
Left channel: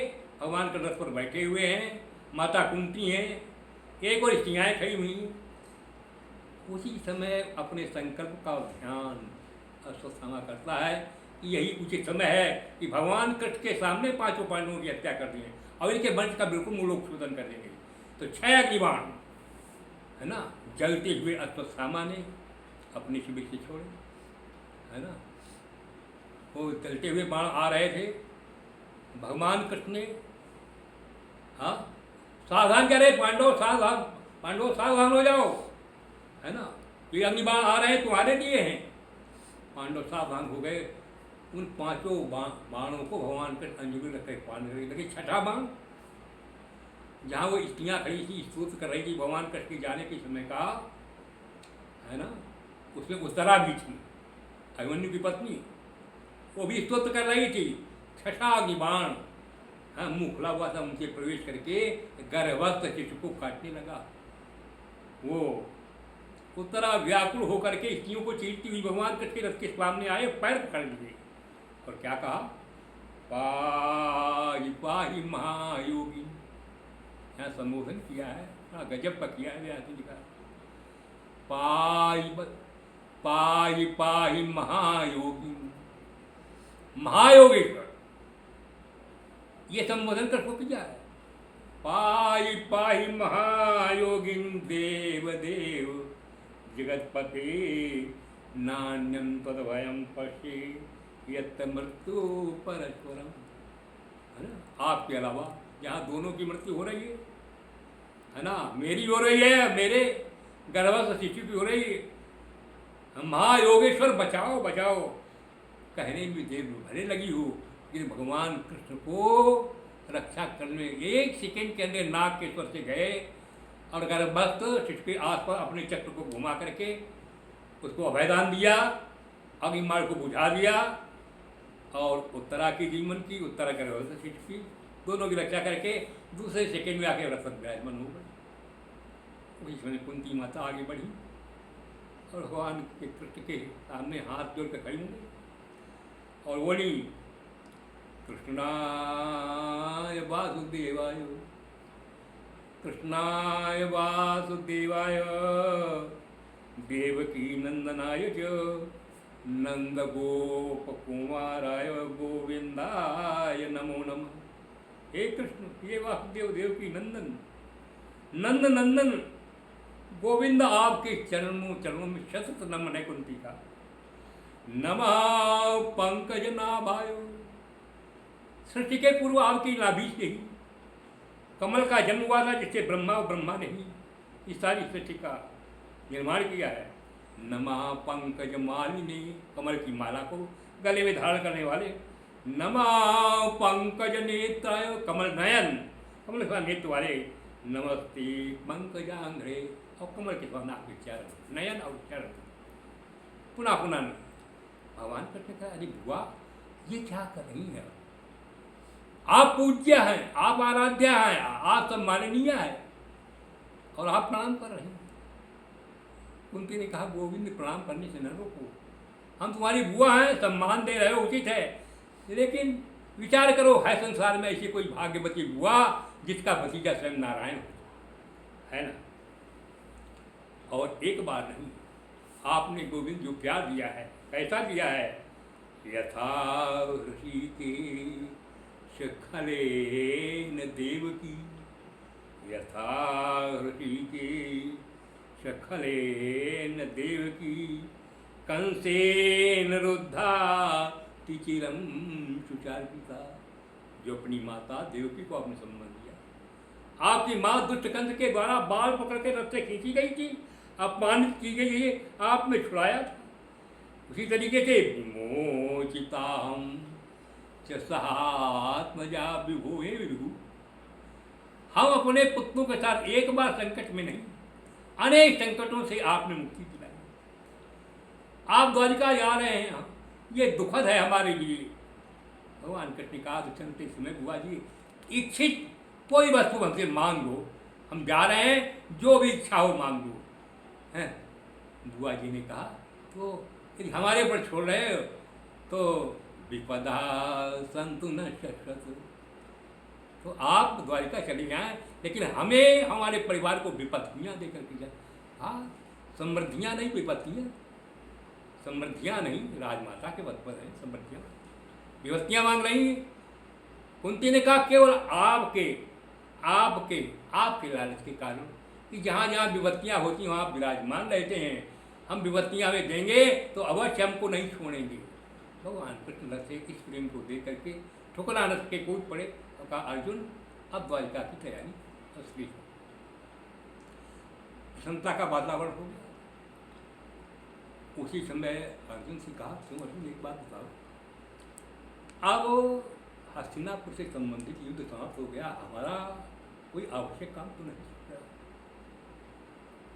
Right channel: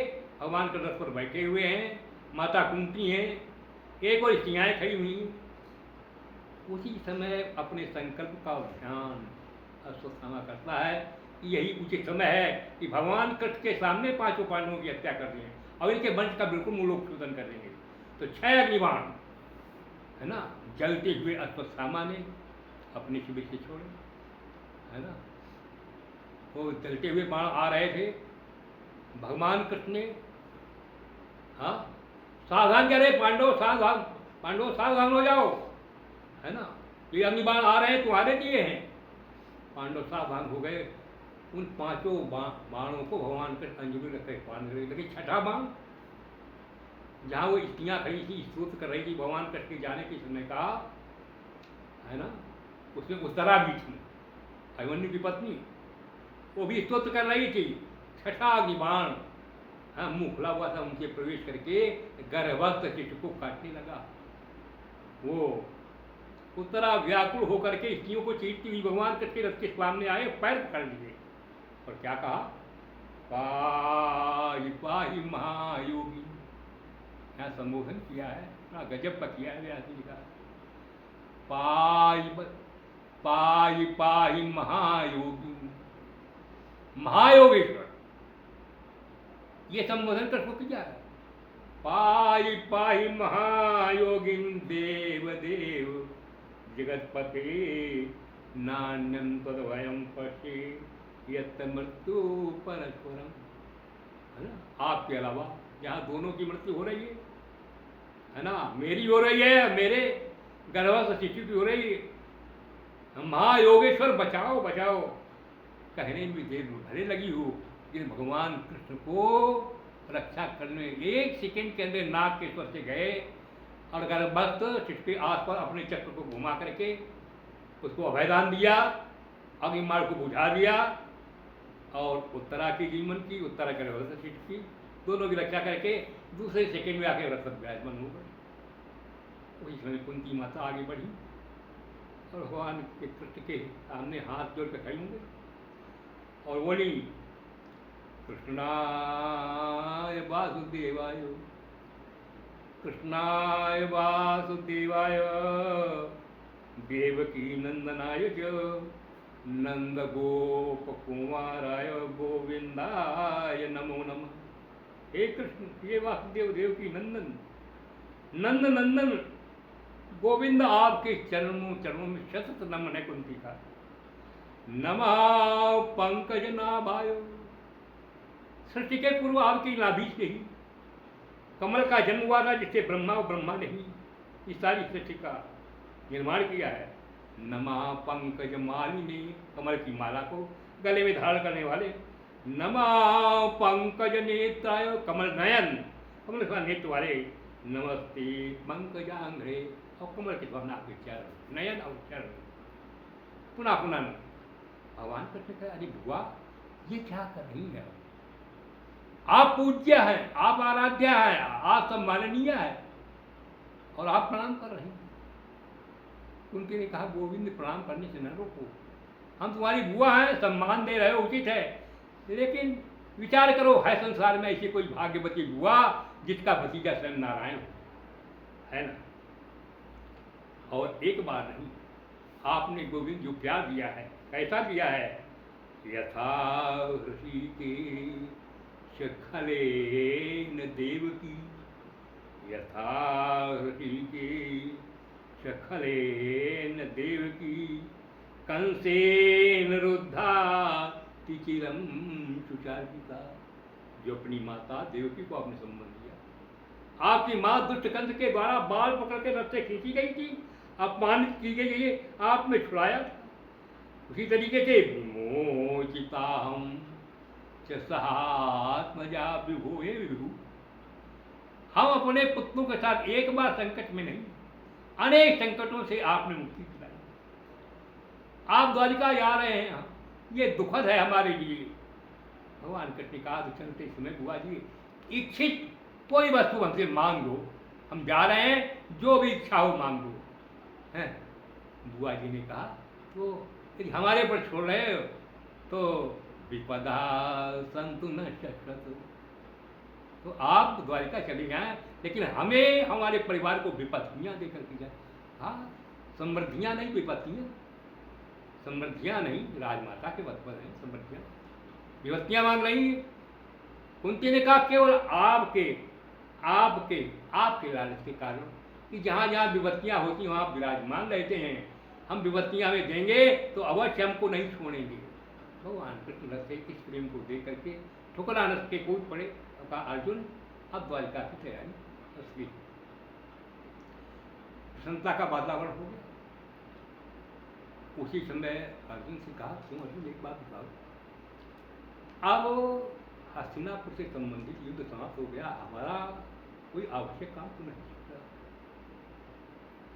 भगवान के रथ पर बैठे हुए हैं, माता कुंती हैं, एक और स्त्रियाँ खड़ी हुई। उसी समय अपने संकल्प का ध्यान अश्वत्थामा करता है कि यही उचित समय है कि भगवान कृष्ण के सामने 5 पांडवों की हत्या कर दी है और इनके वंश का बिल्कुल मूलोत्पादन कर देंगे। तो 6 अग्निबाण है ना, जलते हुए अश्वत्थामा ने अपने शिविर से छोड़े, है ना। वो जलते हुए बाण आ रहे थे, भगवान कृष्ण ने हाँ सावधान करे, पांडव सावधान हो जाओ, है ना, ये अग्निबाण आ रहे हैं, तुम्हारे लिए हैं। पांडव सावधान हो गए। उन पांचों बाणों को भगवान कृष्ण अंजलि रखे पाने लगे। छठा बाण जहाँ वो स्त्रियाँ खड़ी थी, स्तोत्र कर रही थी, भगवान कृष्ण के जाने के समय का, है ना, उसमें उत्तरा भी थी, अभिमन्यु की पत्नी, वो भी स्तोत्र कर रही थी। छठा अग्निबाण हाँ मुँह खुला हुआ था, उनके प्रवेश करके गर्भस्थ शिशु को काटने लगा। वो उत्तरा व्याकुल होकर के स्त्रियों को चीरती हुई भगवान कृष्ण के रथ के सामने आए, पैर पकड़ लिए और क्या कहा, पाहि पाहि महायोगी। यहाँ संबोधन किया है, हाँ गजब का किया है व्यास जी का। पाहि पाहि महायोगी, महायोगेश्वर, ये संबोधन कृष्ण को किया है। पाहि पाहि महायोगिं देव देव जगतपते नान्यं तद्वयं पश्ये यत् मृत्यु परस्परम, है ना। आपके अलावा यहाँ दोनों की मृत्यु हो रही है ना, मेरी हो रही है, मेरे गर्भस्थ शिशु की हो रही है। महायोगेश्वर बचाओ बचाओ कहने में देर भले लगी हो, लेकिन भगवान कृष्ण को रक्षा करने एक सेकेंड के अंदर नाग के स्वर से गए और गर्भस्थ शिशु के आसपास अपने चक्र को घुमा करके उसको अभयदान दिया, अग्निमार्ग को बुझा दिया और उत्तरा की जीवन की, उत्तरा गर्भस्थ शिशु की, दोनों की रक्षा करके दूसरे सेकेंड में आके रथ पर विराजमान हो गए। वही समय कुंती माता आगे बढ़ी और भगवान के कृष्ण के सामने हाथ जोड़ कर खड़ी हो गई और बोली, कृष्णाय वासुदेवाय, कृष्णाय वासुदेवाय, देवकी नंदनाय च नंद गोप कुमाराय गोविंदाय नमो नमः। हे कृष्ण, ये वासुदेव देवकी नंदन, नंद नंदन गोविंद, आपके चरणों में शतत नमन है कुंती का। नमः पंकज नाभाय, सृष्टि के पूर्व आपकी नाभि से ही कमल का जन्म हुआ था, जिससे ब्रह्मा और ब्रह्मा ने ही इस सारी सृष्टि का निर्माण किया है। नमः पंकज मालिनी, कमल की माला को गले में धारण करने वाले। नमः पंकज नेत्राय, कमल नयन, कमल का नेत्र वाले। नमस्ते पंकजांघ्रे, और कमल के नाक के चरण, नयन और चरण। पुनः पुनः भगवान कृष्ण कहा, अरे बुआ ये क्या कर रही है, आप पूज्य हैं, आप आराध्य हैं, आप सम्माननीय है और आप प्रणाम कर रहे हैं। कुंती ने कहा, गोविंद प्रणाम करने से न रोको, हम तुम्हारी बुआ हैं, सम्मान दे रहे हो, उचित है, लेकिन विचार करो, है संसार में ऐसी कोई भाग्यवती बुआ जिसका भतीजा स्वयं नारायण है ना। और एक बार नहीं, आपने गोविंद जो प्यार दिया है, कैसा दिया है, यथा ऋषिकेश खलेन देवकी, यथा ऋषिकेश खलेन देवकी, कंसेन रुद्धा चिरम सुचारिता। जो अपनी माता देवकी को आपने सम्मान दिया, आपकी माँ दुष्ट कंस के द्वारा बाल पकड़ के रथ से खींची गई थी, अपमानित की गई है, आपने छुड़ाया था। उसी तरीके से विमोचिताहं च सहात्मजा विभुहे विभु, हम अपने पुत्रों के साथ एक बार संकट में नहीं, अनेक संकटों से आपने मुक्ति दिलाई। आप द्वारिका जा रहे हैं, ये दुखद है हमारे लिए। भगवान कृष्ण का चलते समय, बुआ जी इच्छित कोई वस्तु हमसे मांग लो, हम जा रहे हैं, जो भी इच्छा हो मांग लो, हैं। बुआ जी ने कहा, तो हमारे पर छोड़ रहे हो तो विपदा संतु न शश्वत, तो आप द्वारिका चले जाएं, लेकिन हमें हमारे परिवार को विपत्तियाँ देकर के जाए। हाँ, समृद्धियाँ नहीं, विपत्तियाँ, समृद्धियाँ नहीं, राजमाता के वध पर हैं समृद्धियाँ, विपत्तियाँ मांग रही। कुंती ने कहा, केवल आपके लालच के कारण कि जहाँ जहाँ विपत्तियाँ होती हैं वहाँ आप विराजमान रहते हैं, हम विपत्तियाँ हमें देंगे तो अवश्य हमको नहीं छोड़ेंगे। भगवान कृष्ण से इस प्रेम को दे करके ठुकरा न सके, कूद पड़े और कहा अर्जुन अब द्वारिका की तैयारी असली प्रसन्नता का वातावरण हो गया। उसी समय अर्जुन से कहा तुम अर्जुन एक बात बताओ, अब हस्तिनापुर से संबंधित युद्ध समाप्त हो गया, हमारा कोई आवश्यक काम तो नहीं सकता।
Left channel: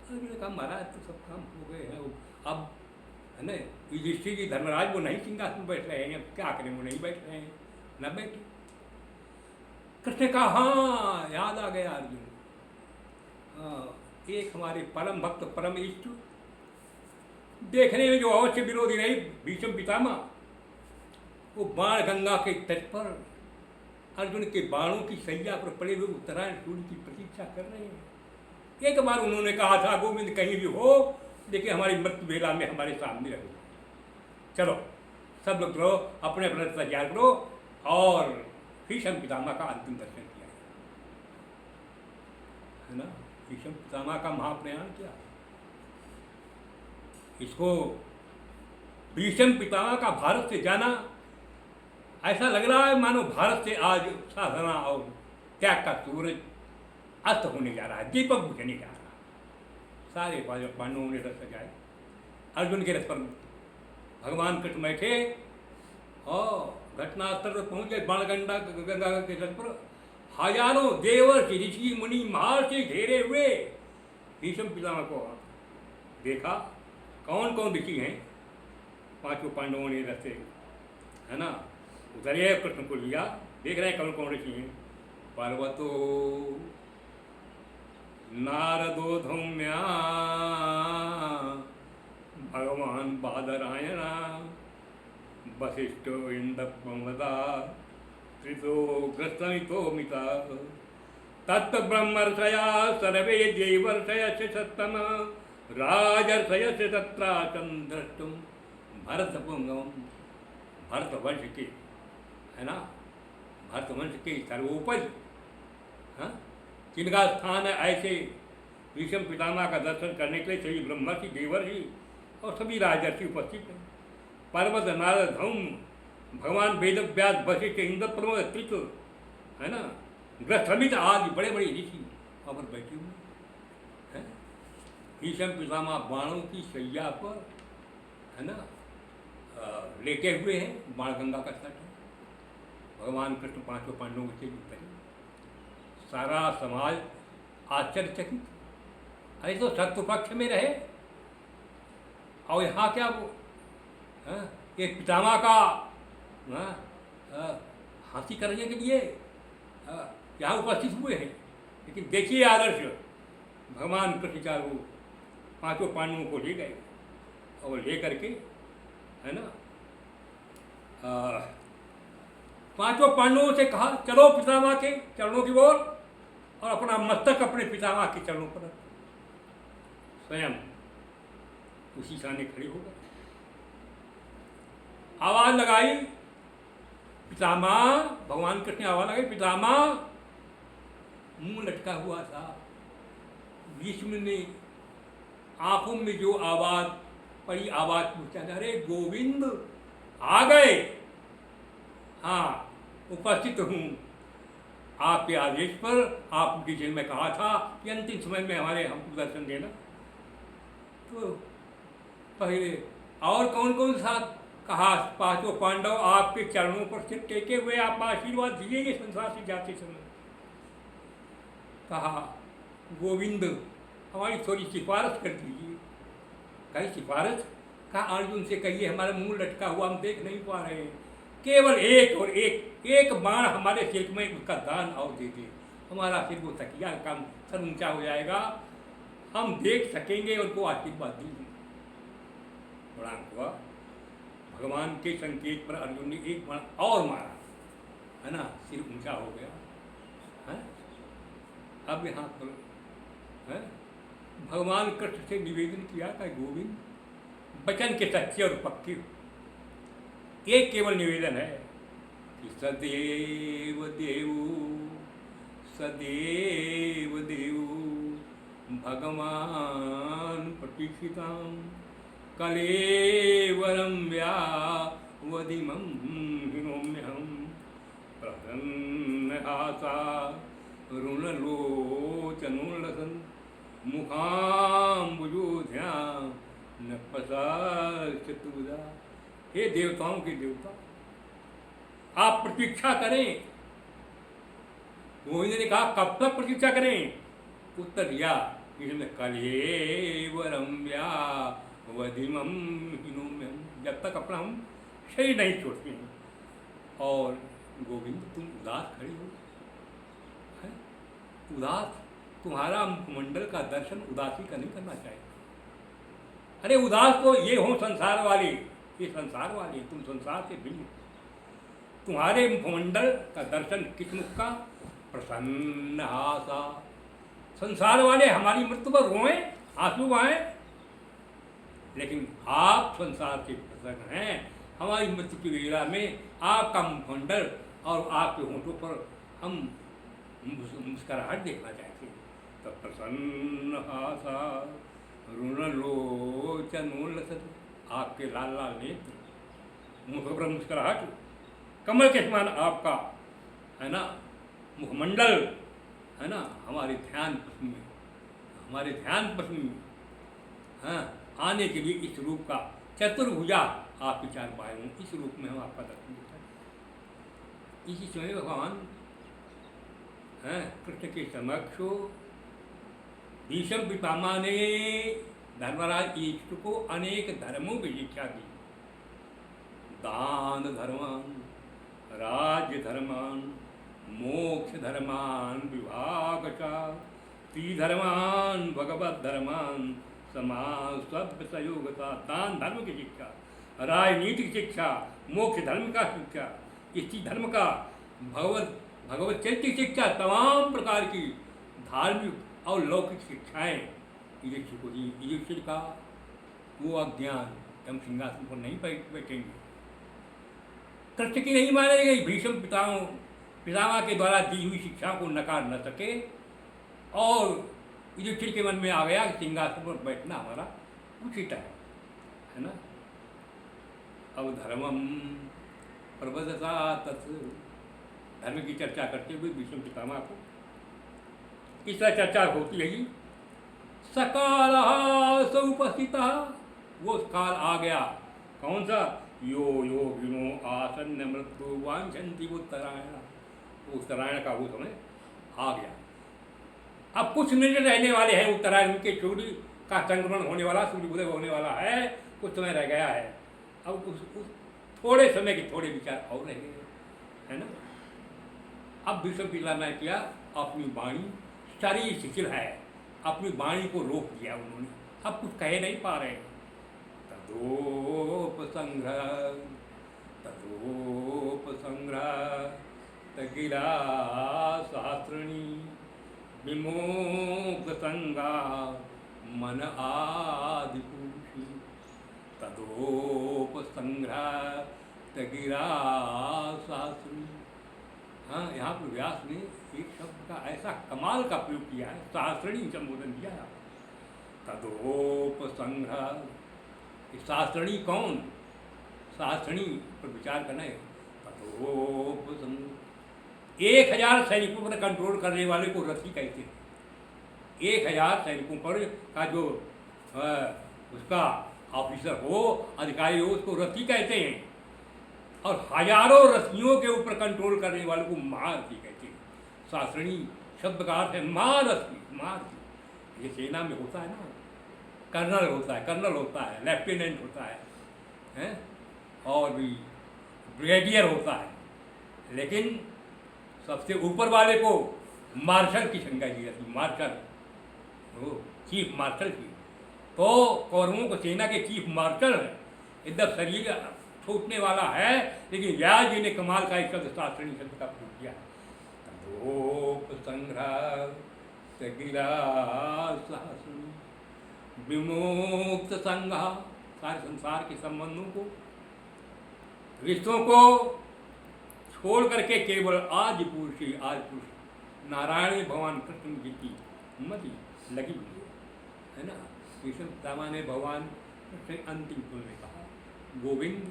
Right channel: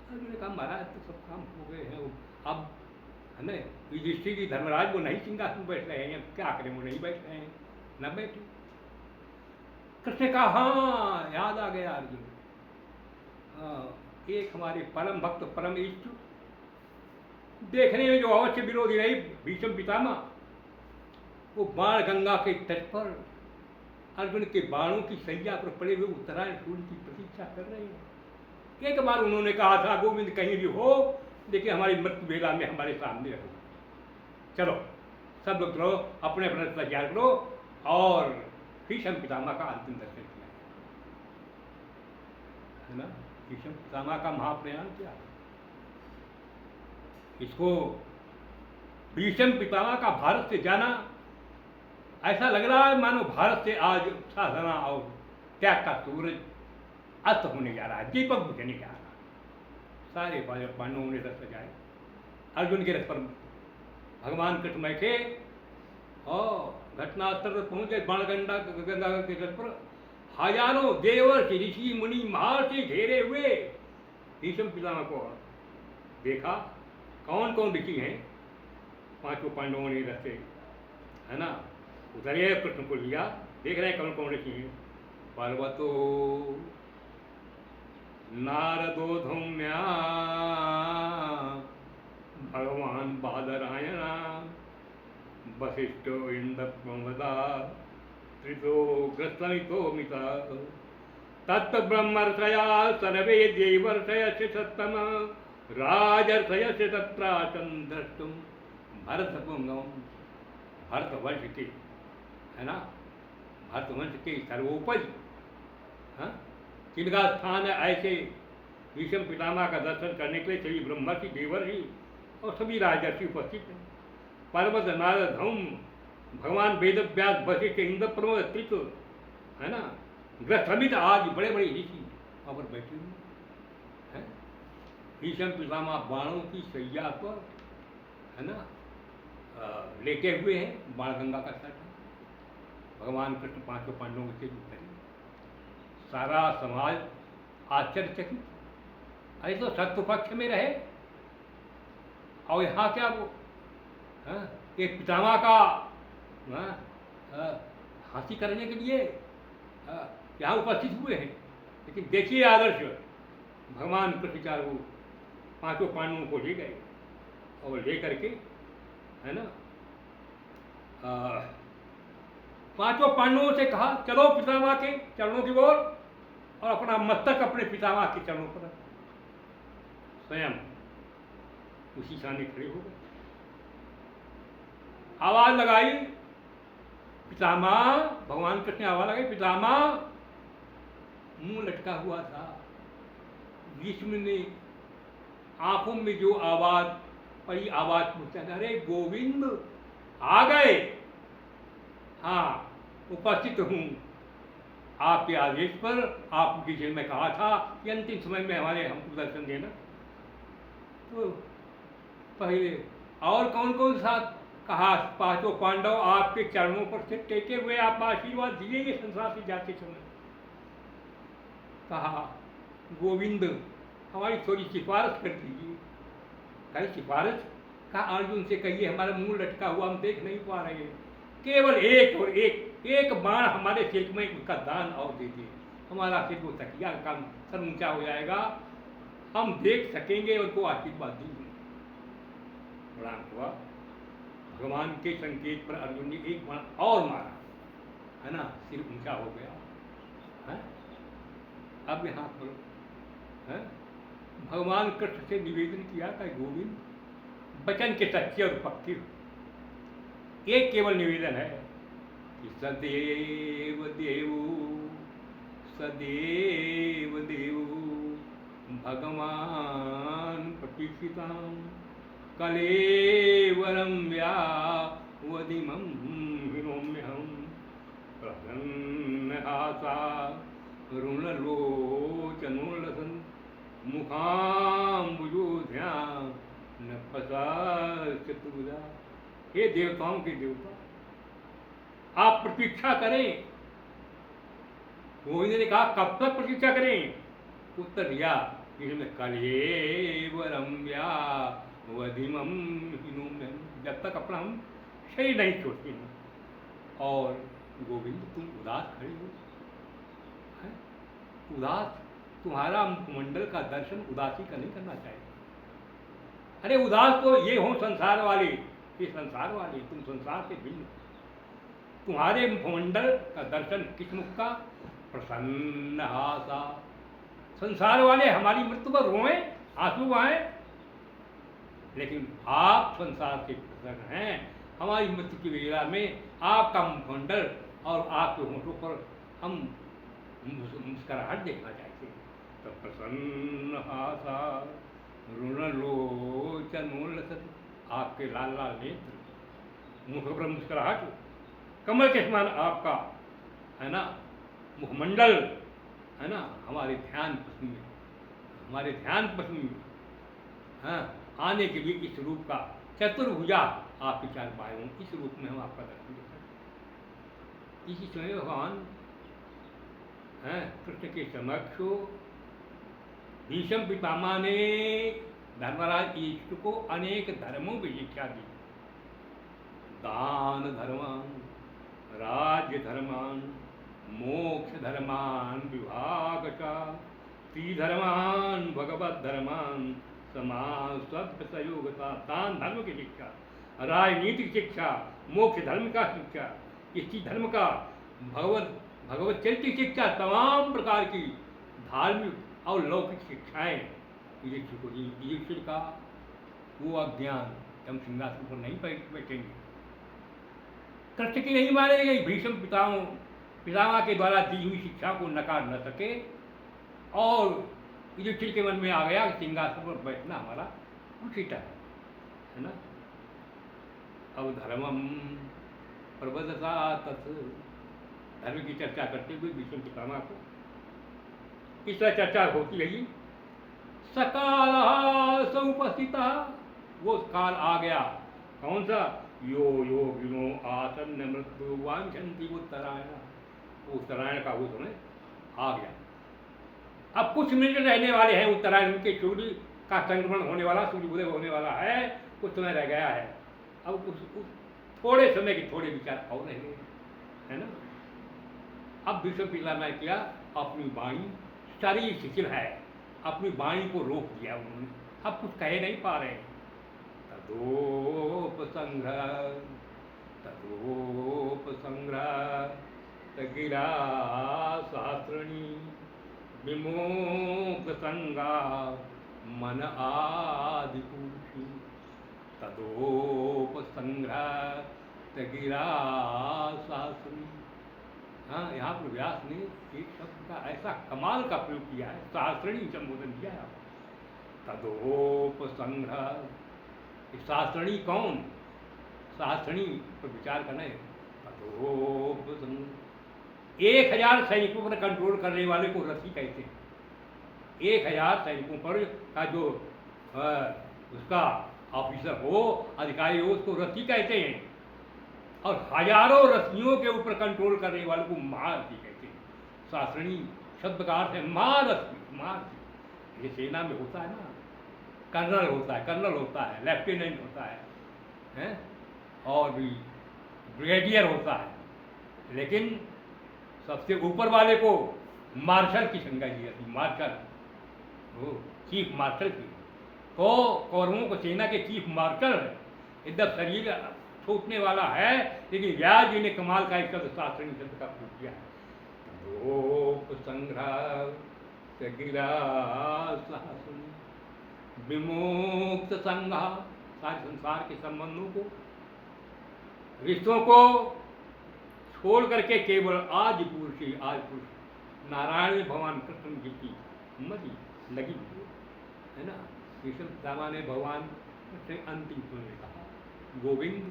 अर्जुन ने कहा महाराज तो सब काम हो गए हैं, अब है ना युधिष्ठिर की धर्मराज वो नहीं सिंहासन बैठ रहे हैं, क्या करें वो नहीं बैठ रहे हैं, न बैठे। कृष्ण ने कहा हाँ याद आ गया अर्जुन, हाँ एक हमारे परम भक्त परम इष्ट देखने में जो अवश्य विरोधी नहीं भीष्म पितामह, वो बाण गंगा के तट पर अर्जुन के बाणों की सैया पर पड़े हुए उत्तरायण सूर्य की प्रतीक्षा कर रहे हैं। एक बार उन्होंने कहा था गोविंद कहीं भी हो लेकिन हमारी मृत्यु बेला में हमारे सामने रहो, चलो सब लोग रहो अपने अपने तैयार करो। और भीष्म पितामह का अंतिम दर्शन किया है ना, भीष्म पितामह का महाप्रयाण किया। इसको भीष्म पितामह का भारत से जाना ऐसा लग रहा है मानो भारत से आज साधना और त्याग का सूरज अस्त होने जा रहा है, दीपक बुझने जा रहा है। सारे पांडवों ने रथ सजाए, अर्जुन के रथ पर भगवान कृष्ण बैठे और घटनास्थल पर पहुंचे। बाणगंगा गंगा के तट पर हजारों देवर्षि ऋषि मुनि महर्षि घेरे हुए। भीष्म पितामह को देखा कौन कौन ऋषि हैं, पांचों पांडवों ने रथ से है ना उतरे, कृष्ण को लिया, देख रहे हैं कौन कौन ऋषि हैं। पर्वतो नारदो धौम्या भगवान बादरायण वशिष्ठो इंद्रप्रमदा त्रितो ग्रस्तनितो मिता तत्त ब्रह्मर्षया सर्वे देवर्षयस्य सत्तम राजर्षयस्य तत्राचं द्रष्टुम भरतपुंगम। भरतवंश के है ना, भरतवंश के सर्वोपरि हाँ किनका स्थान है ऐसे भीष्म पितामह का दर्शन करने के लिए सभी ब्रह्मर्षि देवर्षि और सभी राजर्षि उपस्थित हैं। पर्वत नारद धौम भगवान वेद व्यास वशिष्ठ इंद्रप्रमद त्रिक है ना ग्रस्थमित आज बड़े बड़े ऋषि वहाँ पर बैठे हुए हैं। भीष्म पितामह बाणों की सैया पर है ना लेटे हुए हैं, बाणगंगा का तट है। भगवान कृष्ण पांचों पांडवों के उत्तर, सारा समाज आश्चर्यचकित, अरे तो शत्रु पक्ष में रहे और यहाँ क्या वो एक पितामह का हाथी करने के लिए यहाँ उपस्थित हुए हैं। लेकिन देखिए आदर्श, भगवान कृष्ण चारों पांचों पांडवों को ले गए और ले करके है ना पांचों पांडवों से कहा चलो पितामह के चरणों की ओर, और अपना मस्तक अपने पितामह के चरणों पर स्वयं उसी सामने खड़े हो गए। आवाज लगाई पितामह, भगवान कृष्ण आवाज लगाई पितामह। मुंह लटका हुआ था, भीष्म ने आंखों में जो आवाज पड़ी आवाज पूछा, अरे गोविंद आ गए, हाँ उपस्थित हूँ आपके आदेश पर। आपकी जेल में कहा था कि अंतिम समय में हमारे हमको दर्शन देना। तो पहले और कौन कौन सा कहा, पांचों पांडव आपके चरणों पर से टेके हुए आप आशीर्वाद दिएंगे संसार से जाते समय। कहा गोविंद हमारी थोड़ी सिफारिश कर दीजिए। कहीं सिफारिश, कहा अर्जुन से कहिए हमारा मुंह लटका हुआ हम देख नहीं पा रहे हैं, केवल एक और एक बाण हमारे सिर में उसका दान और दे दिए, हमारा सिर वो तकिया का सर ऊंचा हो जाएगा, हम देख सकेंगे, उनको आशीर्वाद देंगे। प्रणाम हुआ, भगवान के संकेत पर अर्जुन ने एक बाण और मारा है ना, सिर ऊंचा हो गया है। अब यहाँ पर है भगवान कृष्ण से निवेदन किया था गोविंद वचन के सच्चे और पक्के। एक केवल निवेदन है कि सदैव देव भगवान प्रतीक्षितां कलेवरं व्यावधिमं हिनोम्यहं प्रसन्नहासा रुणलोचनोल्लसन् मुखाम्बुजोध्या न फसाचतुर्भुजा। हे देवताओं के देवता, आप प्रतीक्षा करें। गोविंद ने कहा कब तक प्रतीक्षा करें? उत्तर दिया कलेवरम व्यावधिमं हिनोम्यहं, जब तक अपना हम शरीर नहीं छोड़ते हैं। और गोविंद तुम उदास खड़े हो, उदास, तुम्हारा मुखमंडल का दर्शन उदासी का नहीं करना चाहिए। अरे उदास तो ये हो संसार वाले, ये संसार वाले, तुम संसार से भिन्न। तुम्हारे मुखमंडल का दर्शन किस मुख का? प्रसन्न हासा। संसार वाले हमारी मृत्यु पर रोएं, आंसू बहाएं, लेकिन आप संसार से प्रसन्न हैं। हमारी मृत्यु की वेला में आपका मुखमंडल और आपके होंठों पर हम मुस्कुराहट देखना चाहते हैं। तब प्रसन्न हासा रुणलोचनोल्लसन्, आपके लाल लाल नेत्र, मुख पर मुस्कुराहट, कमल के समान आपका है ना मुखमंडल, है ना, हमारे ध्यान पसंद में, हमारे ध्यान पसंद में हाँ आने के लिए इस रूप का चतुर्भुजा आपके चार बायों, इस रूप में हम आपका दर्शन करते हैं। इसी समय भगवान हैं कृष्ण के समक्ष भीष्म पितामह ने धर्मराज युधिष्ठिर को अनेक धर्मों की शिक्षा दी। दान धर्मान, राज्य धर्मान, मोक्ष धर्मान विभागशः, त्रिधर्मान भगवत धर्मान समाज सभ्य सहयोगता। दान धर्म की शिक्षा, राजनीतिक शिक्षा, मोक्ष धर्म का शिक्षा, स्त्री धर्म का, भगवत चरित्र शिक्षा, तमाम प्रकार की धार्मिक और लौकिक शिक्षाएं युधिष्ठिर को दी। युधिष्ठिर का वो अज्ञान हम सिंहासन पर नहीं बैठेंगे, कृष्ण की नहीं माने गई। भीष्म पितामह के द्वारा दी हुई शिक्षा को नकार न सके और युधिष्ठिर के मन में आ गया कि सिंहासन पर बैठना हमारा उचित है ना। अब धर्मम प्रबदता तत्, धर्म की चर्चा करते हुए भीष्म पितामह को इस तरह चर्चा होती रही। सकाल समुपस्थिता, वो काल आ गया। कौन सा? यो योगिनो आसन्न मृत्यु वांछन्ति उत्तरायण, उत्तरायण का वो समय आ गया। अब कुछ मिनट रहने वाले हैं उत्तरायण के, सूर्य का संक्रमण होने वाला, सूर्योदय होने वाला है, कुछ समय रह गया है। अब उस थोड़े समय के थोड़े विचार और रह गए है ना। अब भीष्म पितामह ने किया, अपनी वाणी, शरीर शिथिल है, अपनी वाणी को रोक दिया उन्होंने, अब कुछ कह नहीं पा रहे। तदोपसंग्रह गिरा शास्त्रणी विमोक्षसंगा मन आदिपुरुषी। तदोपसंग्रह गिरा शास्त्रणी। हाँ, यहाँ पर व्यास ने एक शब्द का ऐसा कमाल का प्रयोग किया है, शास्त्रणी संबोधन किया है। तदोपसंग्रह, शास्त्रणी कौन? शास्त्रणी पर विचार करना है। तदोपसंग्रह, 1000 सैनिकों पर कंट्रोल करने वाले को रथी कहते हैं। 1000 सैनिकों पर का जो उसका ऑफिसर हो, अधिकारी हो, उसको रथी कहते हैं। और हजारों रथियों के ऊपर कंट्रोल करने वाले को महारथी कहते हैं। शास्त्रणी शब्द का अर्थ है महारथी। महारथी ये सेना में होता है ना, कर्नल होता है, कर्नल होता है, लेफ्टिनेंट होता है और भी ब्रिगेडियर होता है, लेकिन सबसे ऊपर वाले को मार्शल की संज्ञा दी जाती है। मार्शल, चीफ मार्शल की। तो कौरवों को सेना के चीफ मार्शल है। एकदम शरीर छूटने वाला है, लेकिन व्यास जी ने कमाल का एक शब्द शास्त्रणी शब्द का प्रयोग किया है। विमुक्त संघ, सारे संसार के संबंधों को, रिश्तों को छोड़ करके केवल आज पुरुष नारायण भगवान कृष्ण जी की मति लगी हुई है। है ना। भीष्म पितामह ने भगवान से अंतिम सुर में कहा, गोविंद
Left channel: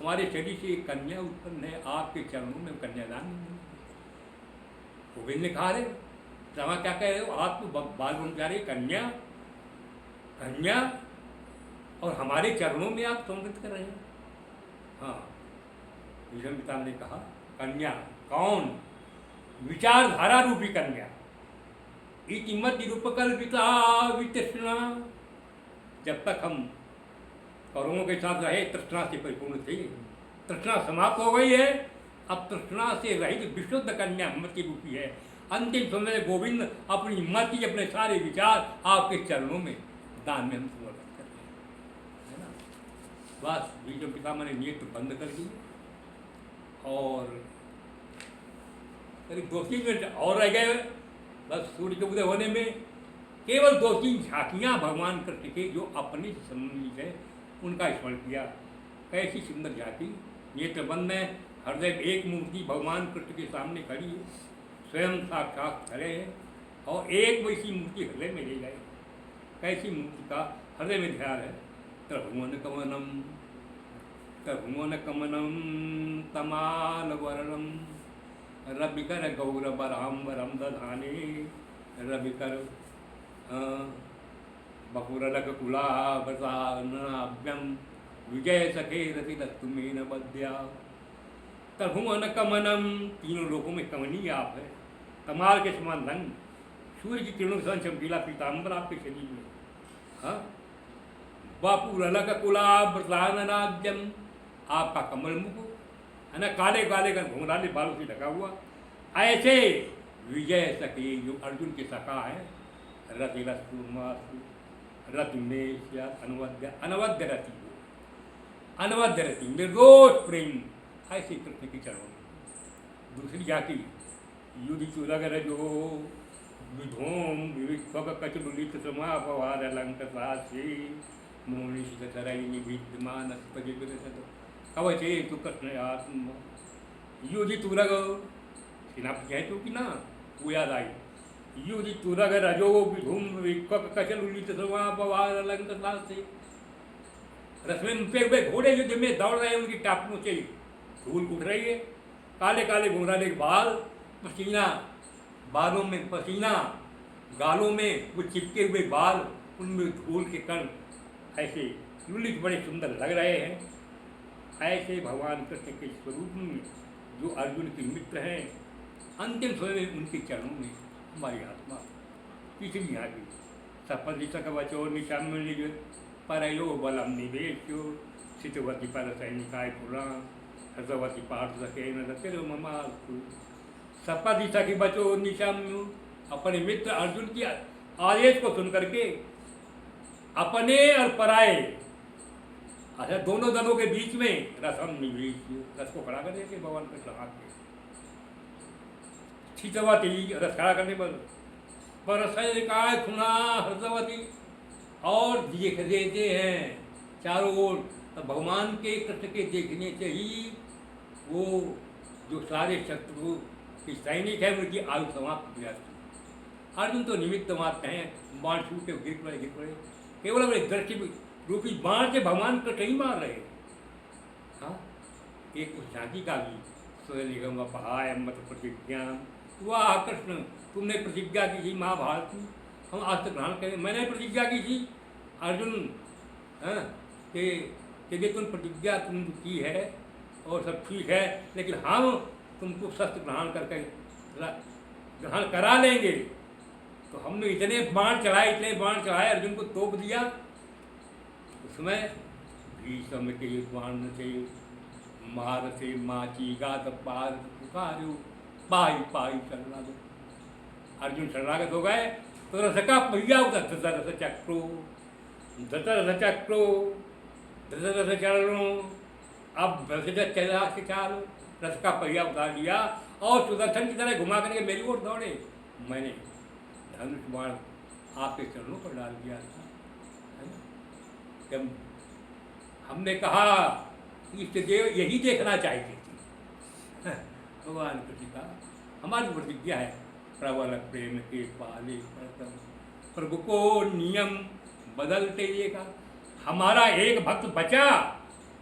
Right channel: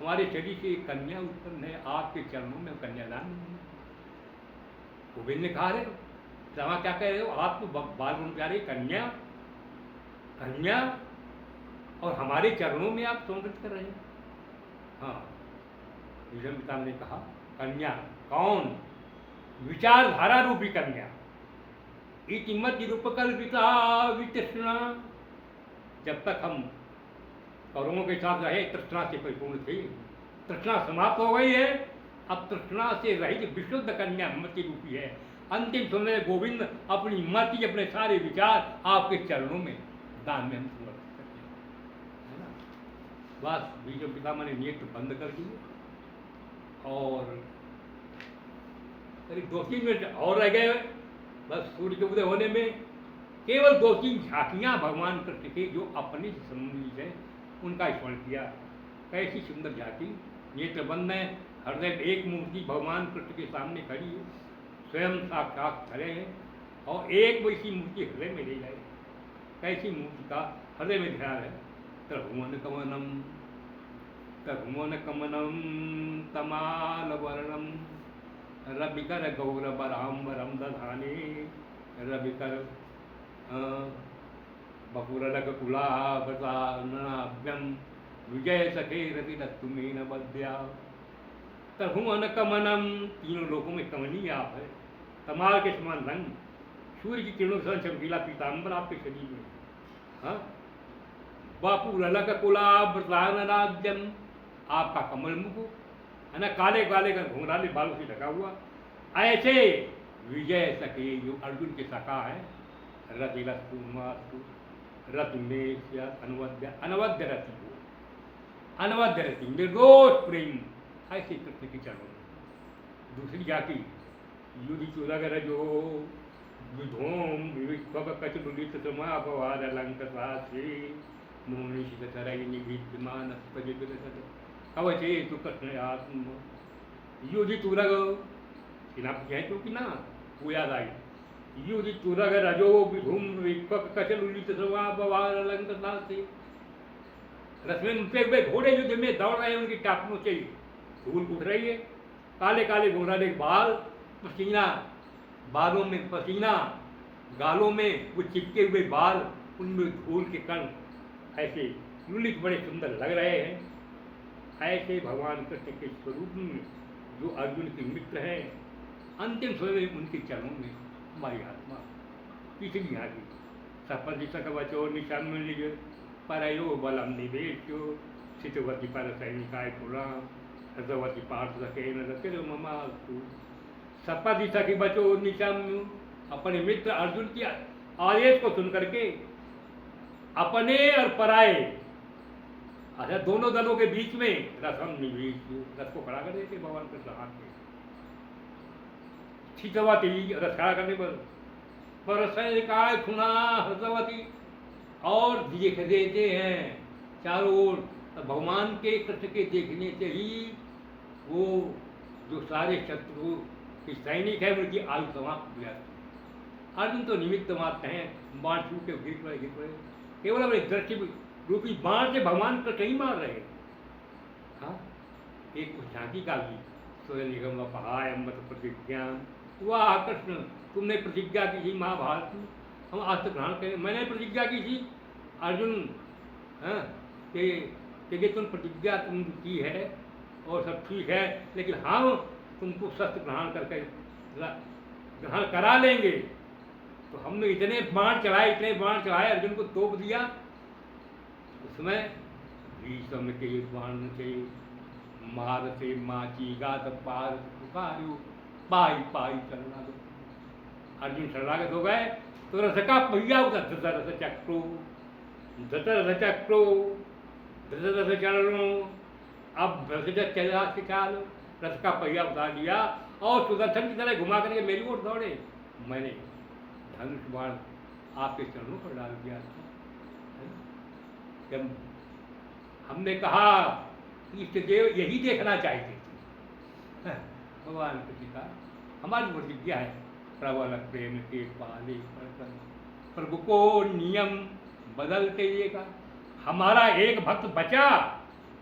हमारे शरीर से एक कन्या उत्पन्न है, आपके चरणों में कन्यादान। गोविंद ने कहा, अरे पितामह क्या कह रहे हो, आप तो बाल ब्रह्मचारी कन्या कन्या और हमारे चरणों में आप सम्मिलित कर रहे हैं। हाँ, भीष्म पितामह ने कहा, कन्या कौन, विचारधारा रूपी कन्या। इतिमत निरूपकल्पिता वितृष्णा, जब तक हम कौरवों के साथ रहे तृष्णा से परिपूर्ण थे, तृष्णा समाप्त हो गई है, अब तृष्णा से रहित विशुद्ध कन्या मति रूपी है। अंतिम समय गोविंद अपनी मति, अपने सारे विचार आपके चरणों में दान में हम समर्पित करते हैं, है ना। बस भीष्म पितामह ने नेत्र बंद कर दिए और करीब 2-3 मिनट और रह गए। बस सूर्य के उदय होने में केवल 2-3 झांकियाँ भगवान कृष्ण के जो अपने से संबंधित है उनका स्मरण किया। कैसी सुंदर झांकी, नेत्र बंद है, हृदय में एक मूर्ति भगवान कृष्ण के सामने खड़ी है, स्वयं साक्षात खड़े हैं और एक वैसी मूर्ति हृदय में ले जाए। कैसी मूर्ति का हृदय में ध्यान है, त्रिभुवन कमनम त्रिभुवन कमनम तमालवर्णम रविकर गौरवराम्बरम दधाने रविकर बकुरलकुलाभ्यम विजय सखे रति दत्तुमेन बद्या। त्रिभुवन कमनम, तीनों लोगों में कमनीय आप है, कमाल के समान रंग, सूर्य की किरणों से चमकीला पीताम्बर आपके शरीर में। हाँ, बपुरलकुलाभ्यम, आपका कमल मुख है ना, काले काले का घुंघराले बालों से ढका हुआ। ऐसे विजय सखे जो अर्जुन के सखा है, रति रत्तु रति में अनवद्य अनवद्य रति हो, अनवद्य रति निर्दोष प्रेम, ऐसे कृष्ण की चरणों में। दूसरी जाति युधि चुरगर जो विधोम विविक्वक कचुलित समापवाद अलंक साक्षी मोनिषित तरई निविद्यमान कवचे तु कृष्ण आत्म युधि तुरग, कह तो कि ना वो याद आई, युधि तुरग रजो विधूम विक्वक कचुलित समापवाद अलंक साक्षी। रश्मि पे घोड़े युद्ध में दौड़ रहे हैं, उनकी टापों से धूल उठ रही है, काले काले घुंघराले बाल, पसीना बालों में पसीना, गालों में वो चिपके हुए बाल, उनमें धूल के कण ऐसे लुलित बड़े सुंदर लग रहे हैं। ऐसे भगवान कृष्ण के स्वरूप में जो अर्जुन के मित्र हैं, अंतिम समय में उनके चरणों में हमारी आत्मा। तीसरी यहाँ की सपदि सकवचो निशम्य परयो बलम निवेश्यो शितवती पर सैनिकाय पुरा हृदवती पार्थ सके न ममास्तु। सपदि सखी बचो निशम्य, अपने मित्र अर्जुन की आदेश को सुन करके अपने और पराए, अच्छा दोनों दलों के बीच में रसम निवेश, रस को खड़ा कर देते भगवान कृष्ण हाथ में, शितवती रस खड़ा करने पर सैनिकाय खुना हृदवती, और देख देते हैं चारों ओर। भगवान के कृष्ण के देखने से ही वो जो सारे शत्रु के सैनिक हैं उनकी आयु समाप्त हो जाती है। अर्जुन तो निमित्त मात्र हैं, बाण छूट के गिर पड़े, केवल अपने दृष्टि रूपी बाण से भगवान कृष्ण ही मार रहे हैं। हाँ, एक उस झांकी का भी स्वयं निगम पहाय मत प्रतिज्ञा, वाह कृष्ण तुमने प्रतिज्ञा की थी महाभारत की, हम आज तक ग्रहण करें। मैंने प्रतिज्ञा की थी अर्जुन, हाँ, कि तुम प्रतिज्ञा तुम की है और सब ठीक है, लेकिन हम तुमको शस्त्र ग्रहण करके ग्रहण करा लेंगे। तो हमने इतने बाण चढ़ाए अर्जुन को तोप दिया। उसमें भीष्म के बाण से मार से माची गात पार पुकारो पाई पाई चलना दो। अर्जुन शरणागत हो गए तो रथ का पहिया उतर, रथ चक्रो धृतरथ चरणों, अब चालो रथ का पहिया उतार दिया और सुदर्शन की तरह घुमा करके मेरी ओर दौड़े। मैंने धनुष बाण आपके चरणों पर डाल दिया था। जब हमने कहा इष्ट देव यही देखना चाहिए, भगवान कृष्ण का हमारी प्रतिज्ञा है, प्रबल प्रेम के पाले प्रभु को नियम बदलते ये का, हमारा एक भक्त बचा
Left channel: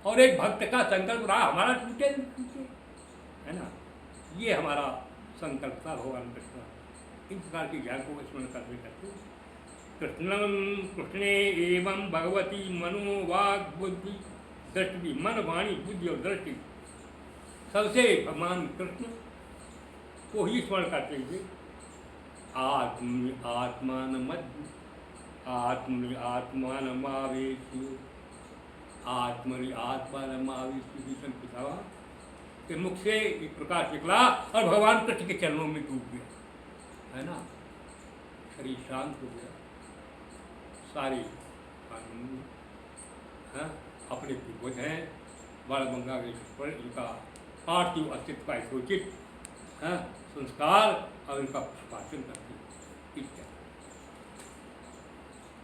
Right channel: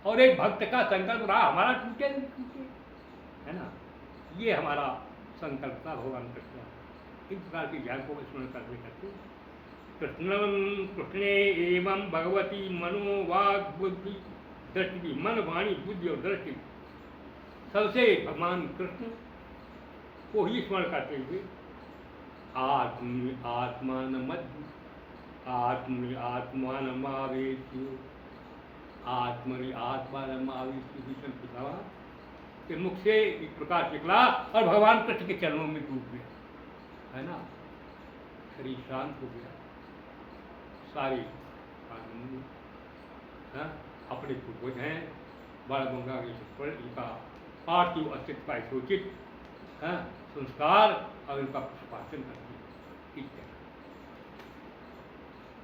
और एक भक्त का संकल्प रहा हमारा टूटे टूटे, है ना। ये हमारा संकल्प था भगवान कृष्ण। इस प्रकार की ज्ञान को स्मरण करने करते कृष्णम कृष्णे एवं भगवती मनो वाग बुद्धि दृष्टि, मन वाणी बुद्धि और दृष्टि सबसे भगवान कृष्ण को ही स्मरण करते हुए आत्मान आत्मान के मुख से एक प्रकाश निकला और भगवान कृष्ण के चरणों में डूब गया, है ना। शरीर शांत हो गया, सारे आनंद, हाँ, अपने पूर्वज हैं बाणगंगा पर इनका पार्थिव अस्तित्व का यथोचित संस्कार और उनका पुष्पार्चन करते हैं।